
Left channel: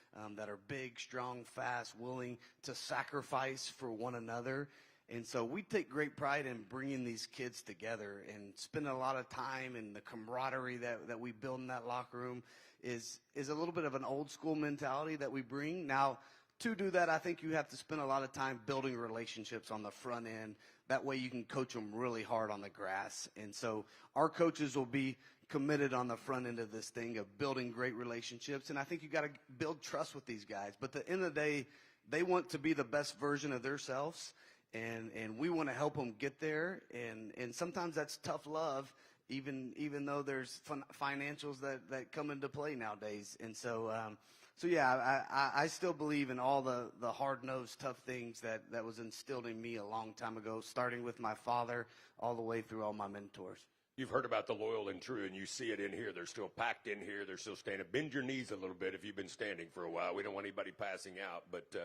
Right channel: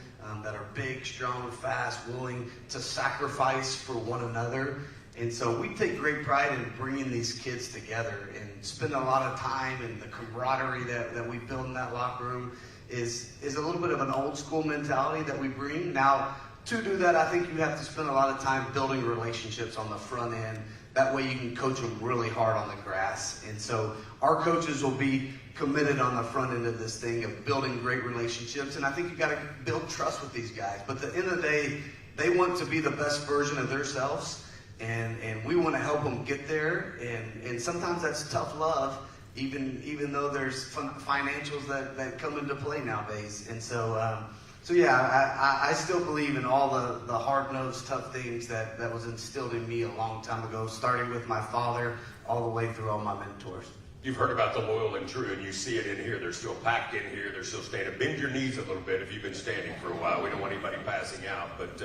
that are big, strong, fast, willing to sacrifice for one another. And so we take great pride in bringing these kids together and spend a lot of time, and the camaraderie that we build in that locker room is a little bit of an old school mentality that we bring. Now, to do that, I think you have to spend a lot of time building relationships on the front end. That way you can coach them really hard on the grass. And so our coaches will be committed on the front end of this thing of building great relationships. And I think you got to build trust with these guys. But at the end of the day, they want to be the best version of themselves. And we want to help them get there. And sometimes that's tough love, even though there's financials that come into play nowadays. And so yeah, I still believe in all the hard-nosed, tough things that was instilled in me a long time ago, starting with my father all the way through all my mentors. You've heard about the loyal and true, and you see it in here. They're still packed in here. They're still standing. Bend your knees a little bit if you've been standing for a while. We don't want anybody passing out. But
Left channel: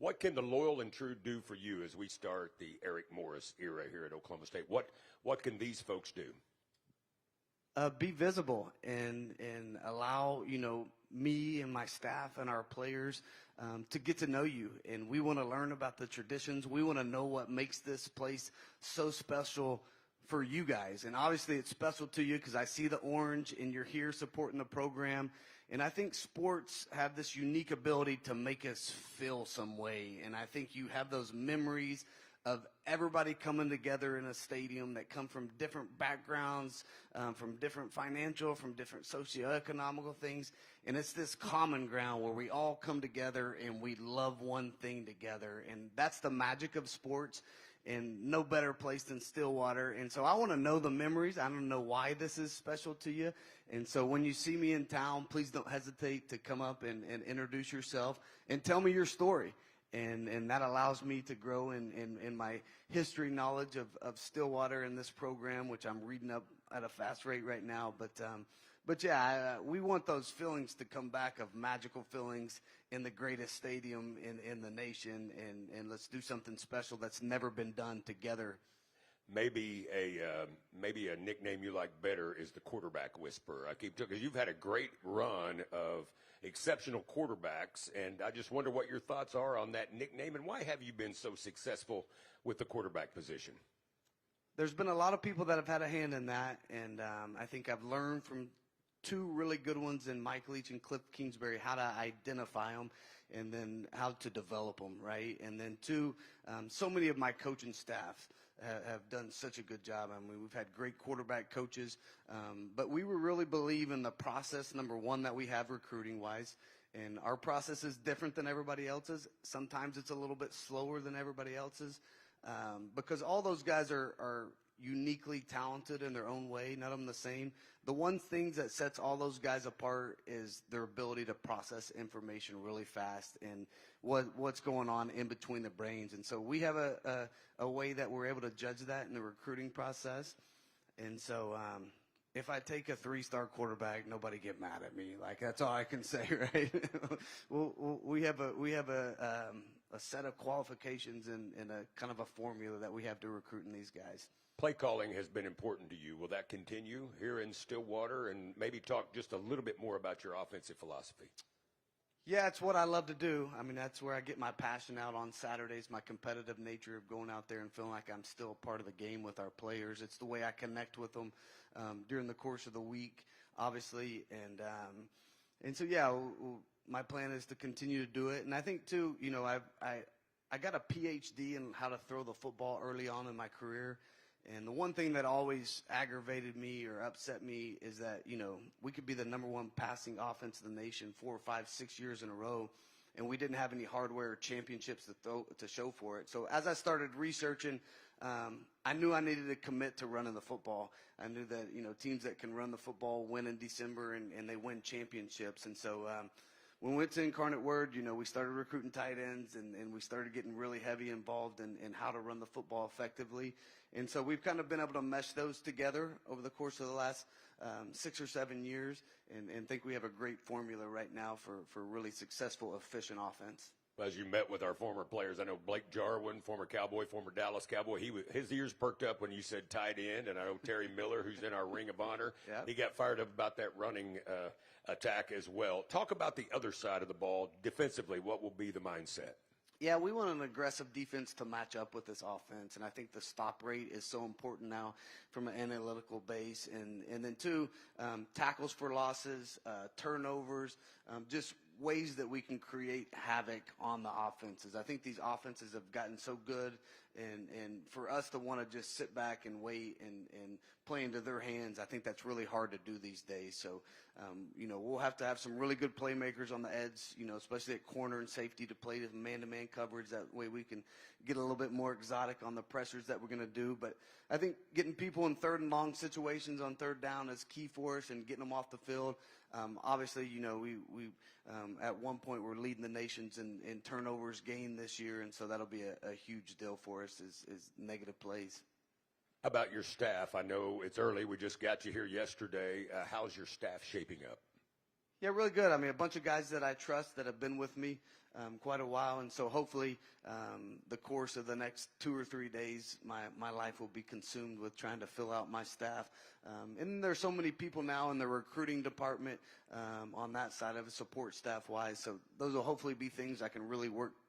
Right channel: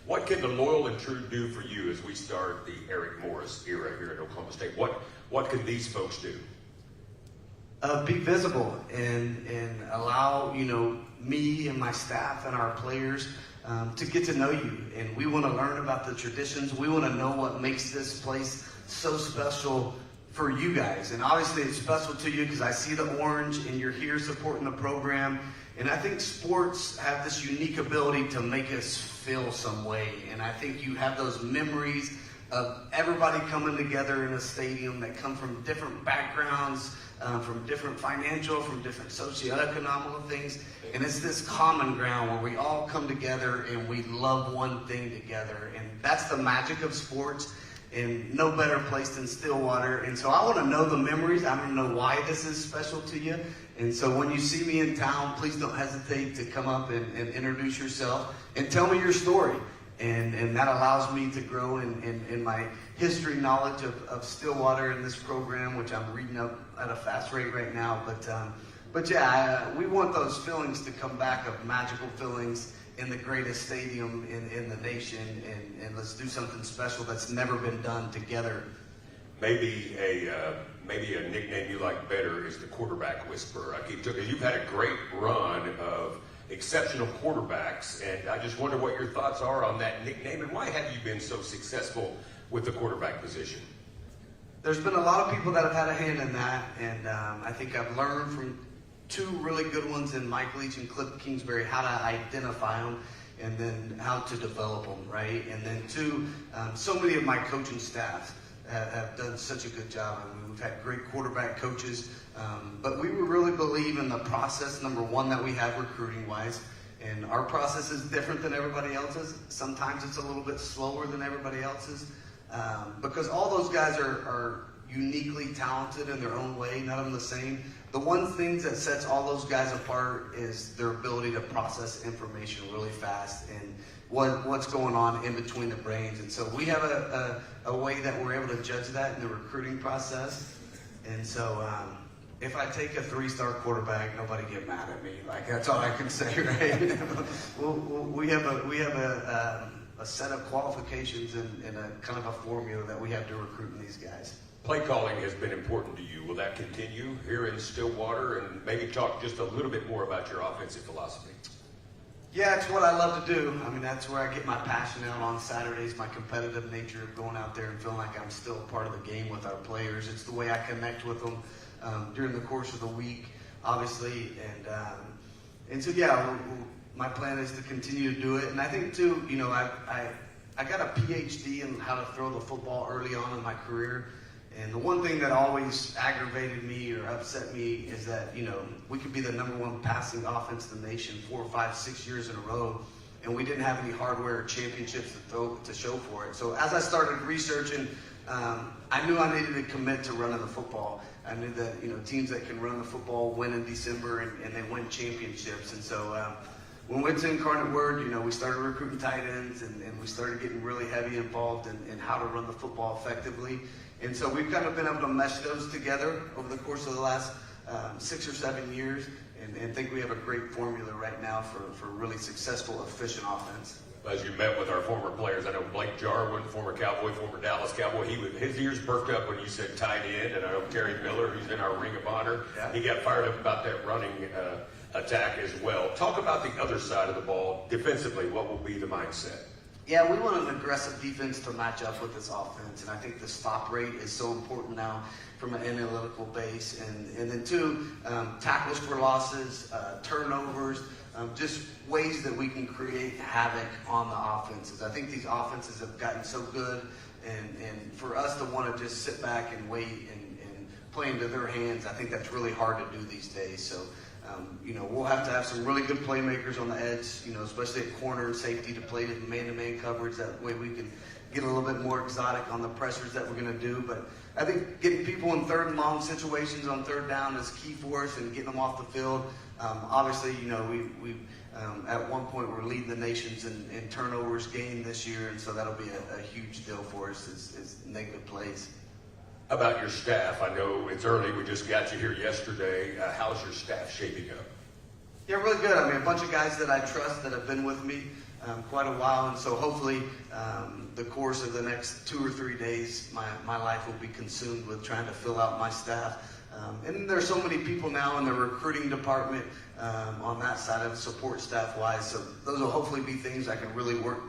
what can the loyal and true do for you as we start the Eric Morris era here at Oklahoma State? What can these folks do? Be visible and allow, me and my staff and our players to get to know you. And we want to learn about the traditions. We want to know what makes this place so special for you guys. And obviously it's special to you because I see the orange and you're here supporting the program. And I think sports have this unique ability to make us feel some way. And I think you have those memories of everybody coming together in a stadium that come from different backgrounds, from different financial, from different socioeconomic things. And it's this common ground where we all come together and we love one thing together. And that's the magic of sports, and no better place than Stillwater. And so I want to know the memories. I want to know why this is special to you. And so when you see me in town, please don't hesitate to come up and introduce yourself and tell me your story. And that allows me to grow in my history knowledge of Stillwater in this program, which I'm reading up at a fast rate right now. But yeah, we want those feelings to come back, of magical feelings in the greatest stadium in the nation, and let's do something special that's never been done together. Maybe a nickname you like better is the quarterback whisperer. You've had a great run of exceptional quarterbacks, and I just wonder what your thoughts are on that nickname, and why have you been so successful with the quarterback position? There's been a lot of people that have had a hand in that, and I think I've learned from 2 really good ones in Mike Leach and Cliff Kingsbury how to identify them and then how to develop them, right? And then 2, so many of my coaching staff have done such a good job, and we've had great quarterback coaches. But we really believe in the process, number one, that we have recruiting-wise. And our process is different than everybody else's. Sometimes it's a little bit slower than everybody else's. Because all those guys are uniquely talented in their own way, none of them the same. The one thing that sets all those guys apart is their ability to process information really fast and what's going on in between the brains. And so we have a way that we're able to judge that in the recruiting process. And so if I take a 3-star quarterback, nobody get mad at me. Like, that's all I can say, right? we have a set of qualifications and a kind of a formula that we have to recruit these guys. Play calling has been important to you. Will that continue here in Stillwater? And maybe talk just a little bit more about your offensive philosophy. Yeah, it's what I love to do. I mean, that's where I get my passion out on Saturdays, my competitive nature of going out there and feeling like I'm still a part of the game with our players. It's the way I connect with them during the course of the week, obviously. And so, yeah, my plan is to continue to do it. And I think, too, you know, I got a PhD in how to throw the football early on in my career. And the one thing that always aggravated me or upset me is that, you know, we could be the #1 passing offense in the nation 4, 5, 6 years in a row, and we didn't have any hardware or championships to show for it. So as I started researching, I knew I needed to commit to running the football. I knew that, you know, teams that can run the football win in December and they win championships. And so when we went to Incarnate Word, you know, we started recruiting tight ends and we started getting really heavy involved in how to run the football effectively. And so we've kind of been able to mesh those together over the course of the last 6 or 7 years, and think we have a great formula right now for really successful, efficient offense. As you met with our former players, I know Blake Jarwin, former Cowboy, former Dallas Cowboy, his ears perked up when you said tight end, and I know Terry Miller, who's in our Ring of Honor, he got fired up about that running attack as well. Talk about the other side of the ball. Defensively, what will be the mindset? Yeah, we want an aggressive defense to match up with this offense, and I think the stop rate is so important now from an analytical base. And then two, tackles for losses, turnovers, just ways that we can create havoc on the offenses. I think these offenses have gotten so good, and for us to want to just sit back and wait and play into their hands, I think that's really hard to do these days. So, you know, we'll have to have some really good playmakers on the edge, you know, especially at corner and safety to play the man-to-man coverage. That way we can get a little bit more exotic on the pressures that we're going to do. But I think getting people in third and long situations on third down is key for us and getting them off the field. Obviously, you know, we at one point we're leading the nations in turnovers gained this year, and so that'll be a huge deal for us is negative plays. How about your staff? I know it's early. We just got you here yesterday. How's your staff shaping up? Yeah, really good. I mean, a bunch of guys that I trust that have been with me quite a while, and so hopefully the course of the next 2 or 3 days, my life will be consumed with trying to fill out my staff. And there's so many people now in the recruiting department on that side of support staff-wise, so those will hopefully be things I can really work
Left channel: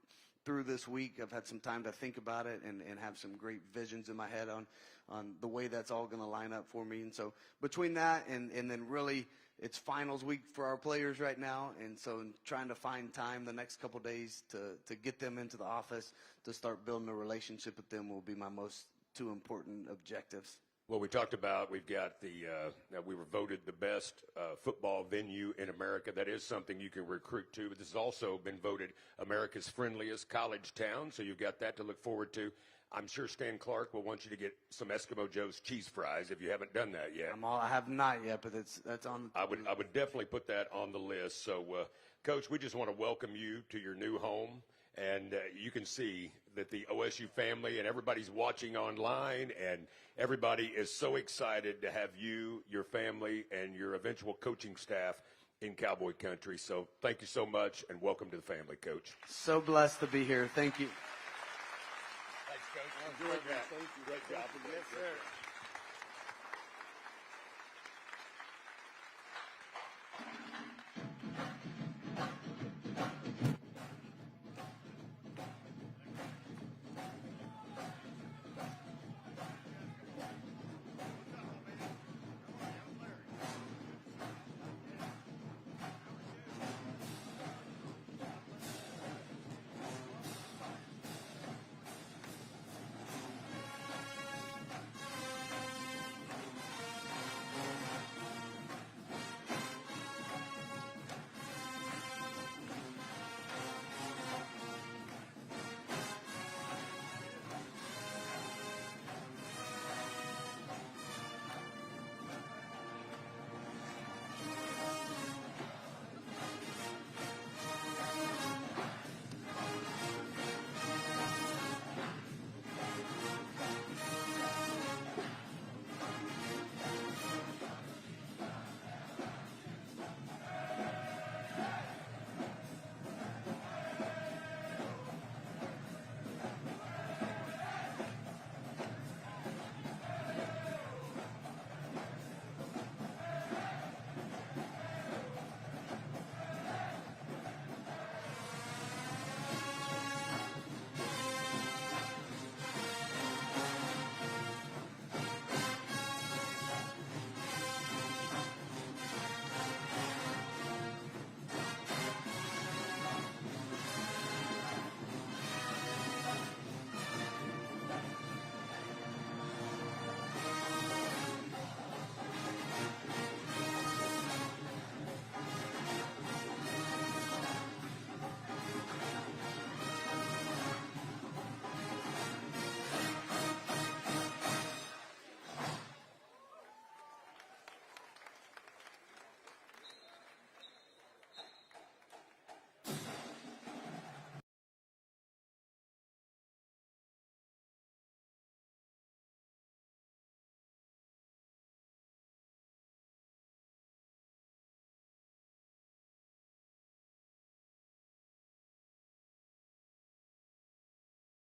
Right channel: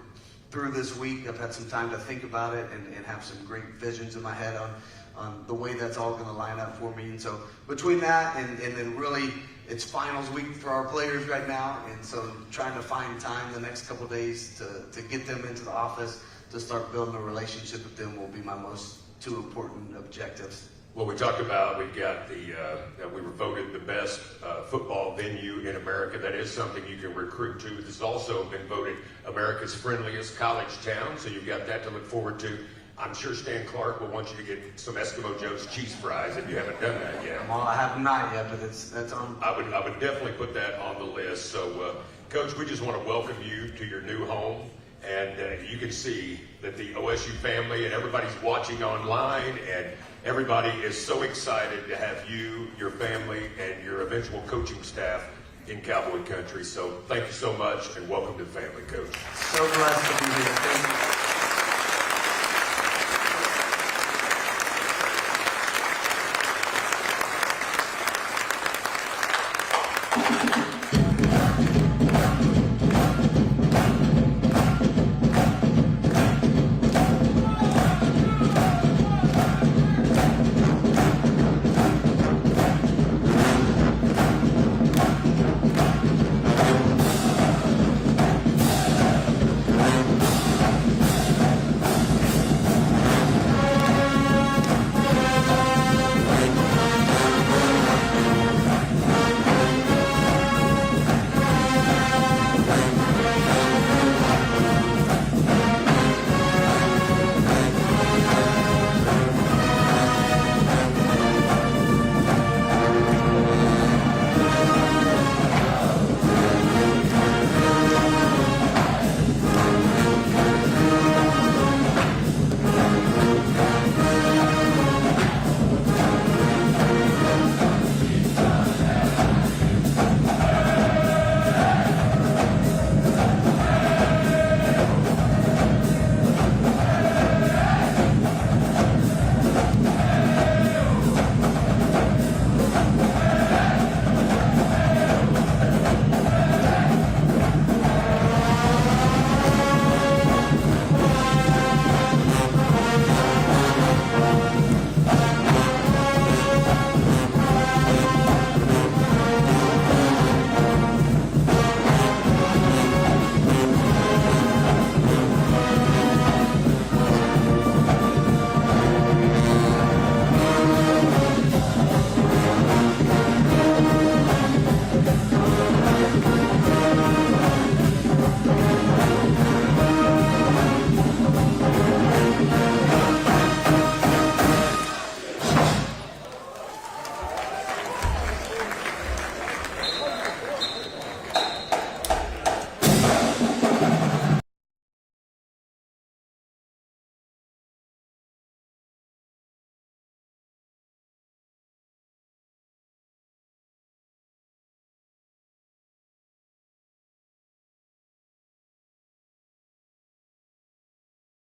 through this week. I've had some time to think about it and have some great visions in my head on the way that's all going to line up for me. And so between that and then really it's finals week for our players right now, and so trying to find time the next couple of days to get them into the office to start building a relationship with them will be my most 2 important objectives. Well, we talked about, we got we were voted the best football venue in America. That is something you can recruit to. It's also been voted America's friendliest college town, so you've got that to look forward to. I'm sure Stan Clark will want you to get some Eskimo Joe's cheese fries if you haven't done that yet. Well, I have not yet, but that's on. I would definitely put that on the list. So, Coach, we just want to welcome you to your new home. And you can see that the OSU family and everybody's watching online, and everybody is so excited to have you, your family, and your eventual coaching staff in Cowboy Country. So thank you so much, and welcome to family, Coach. So glad to be here.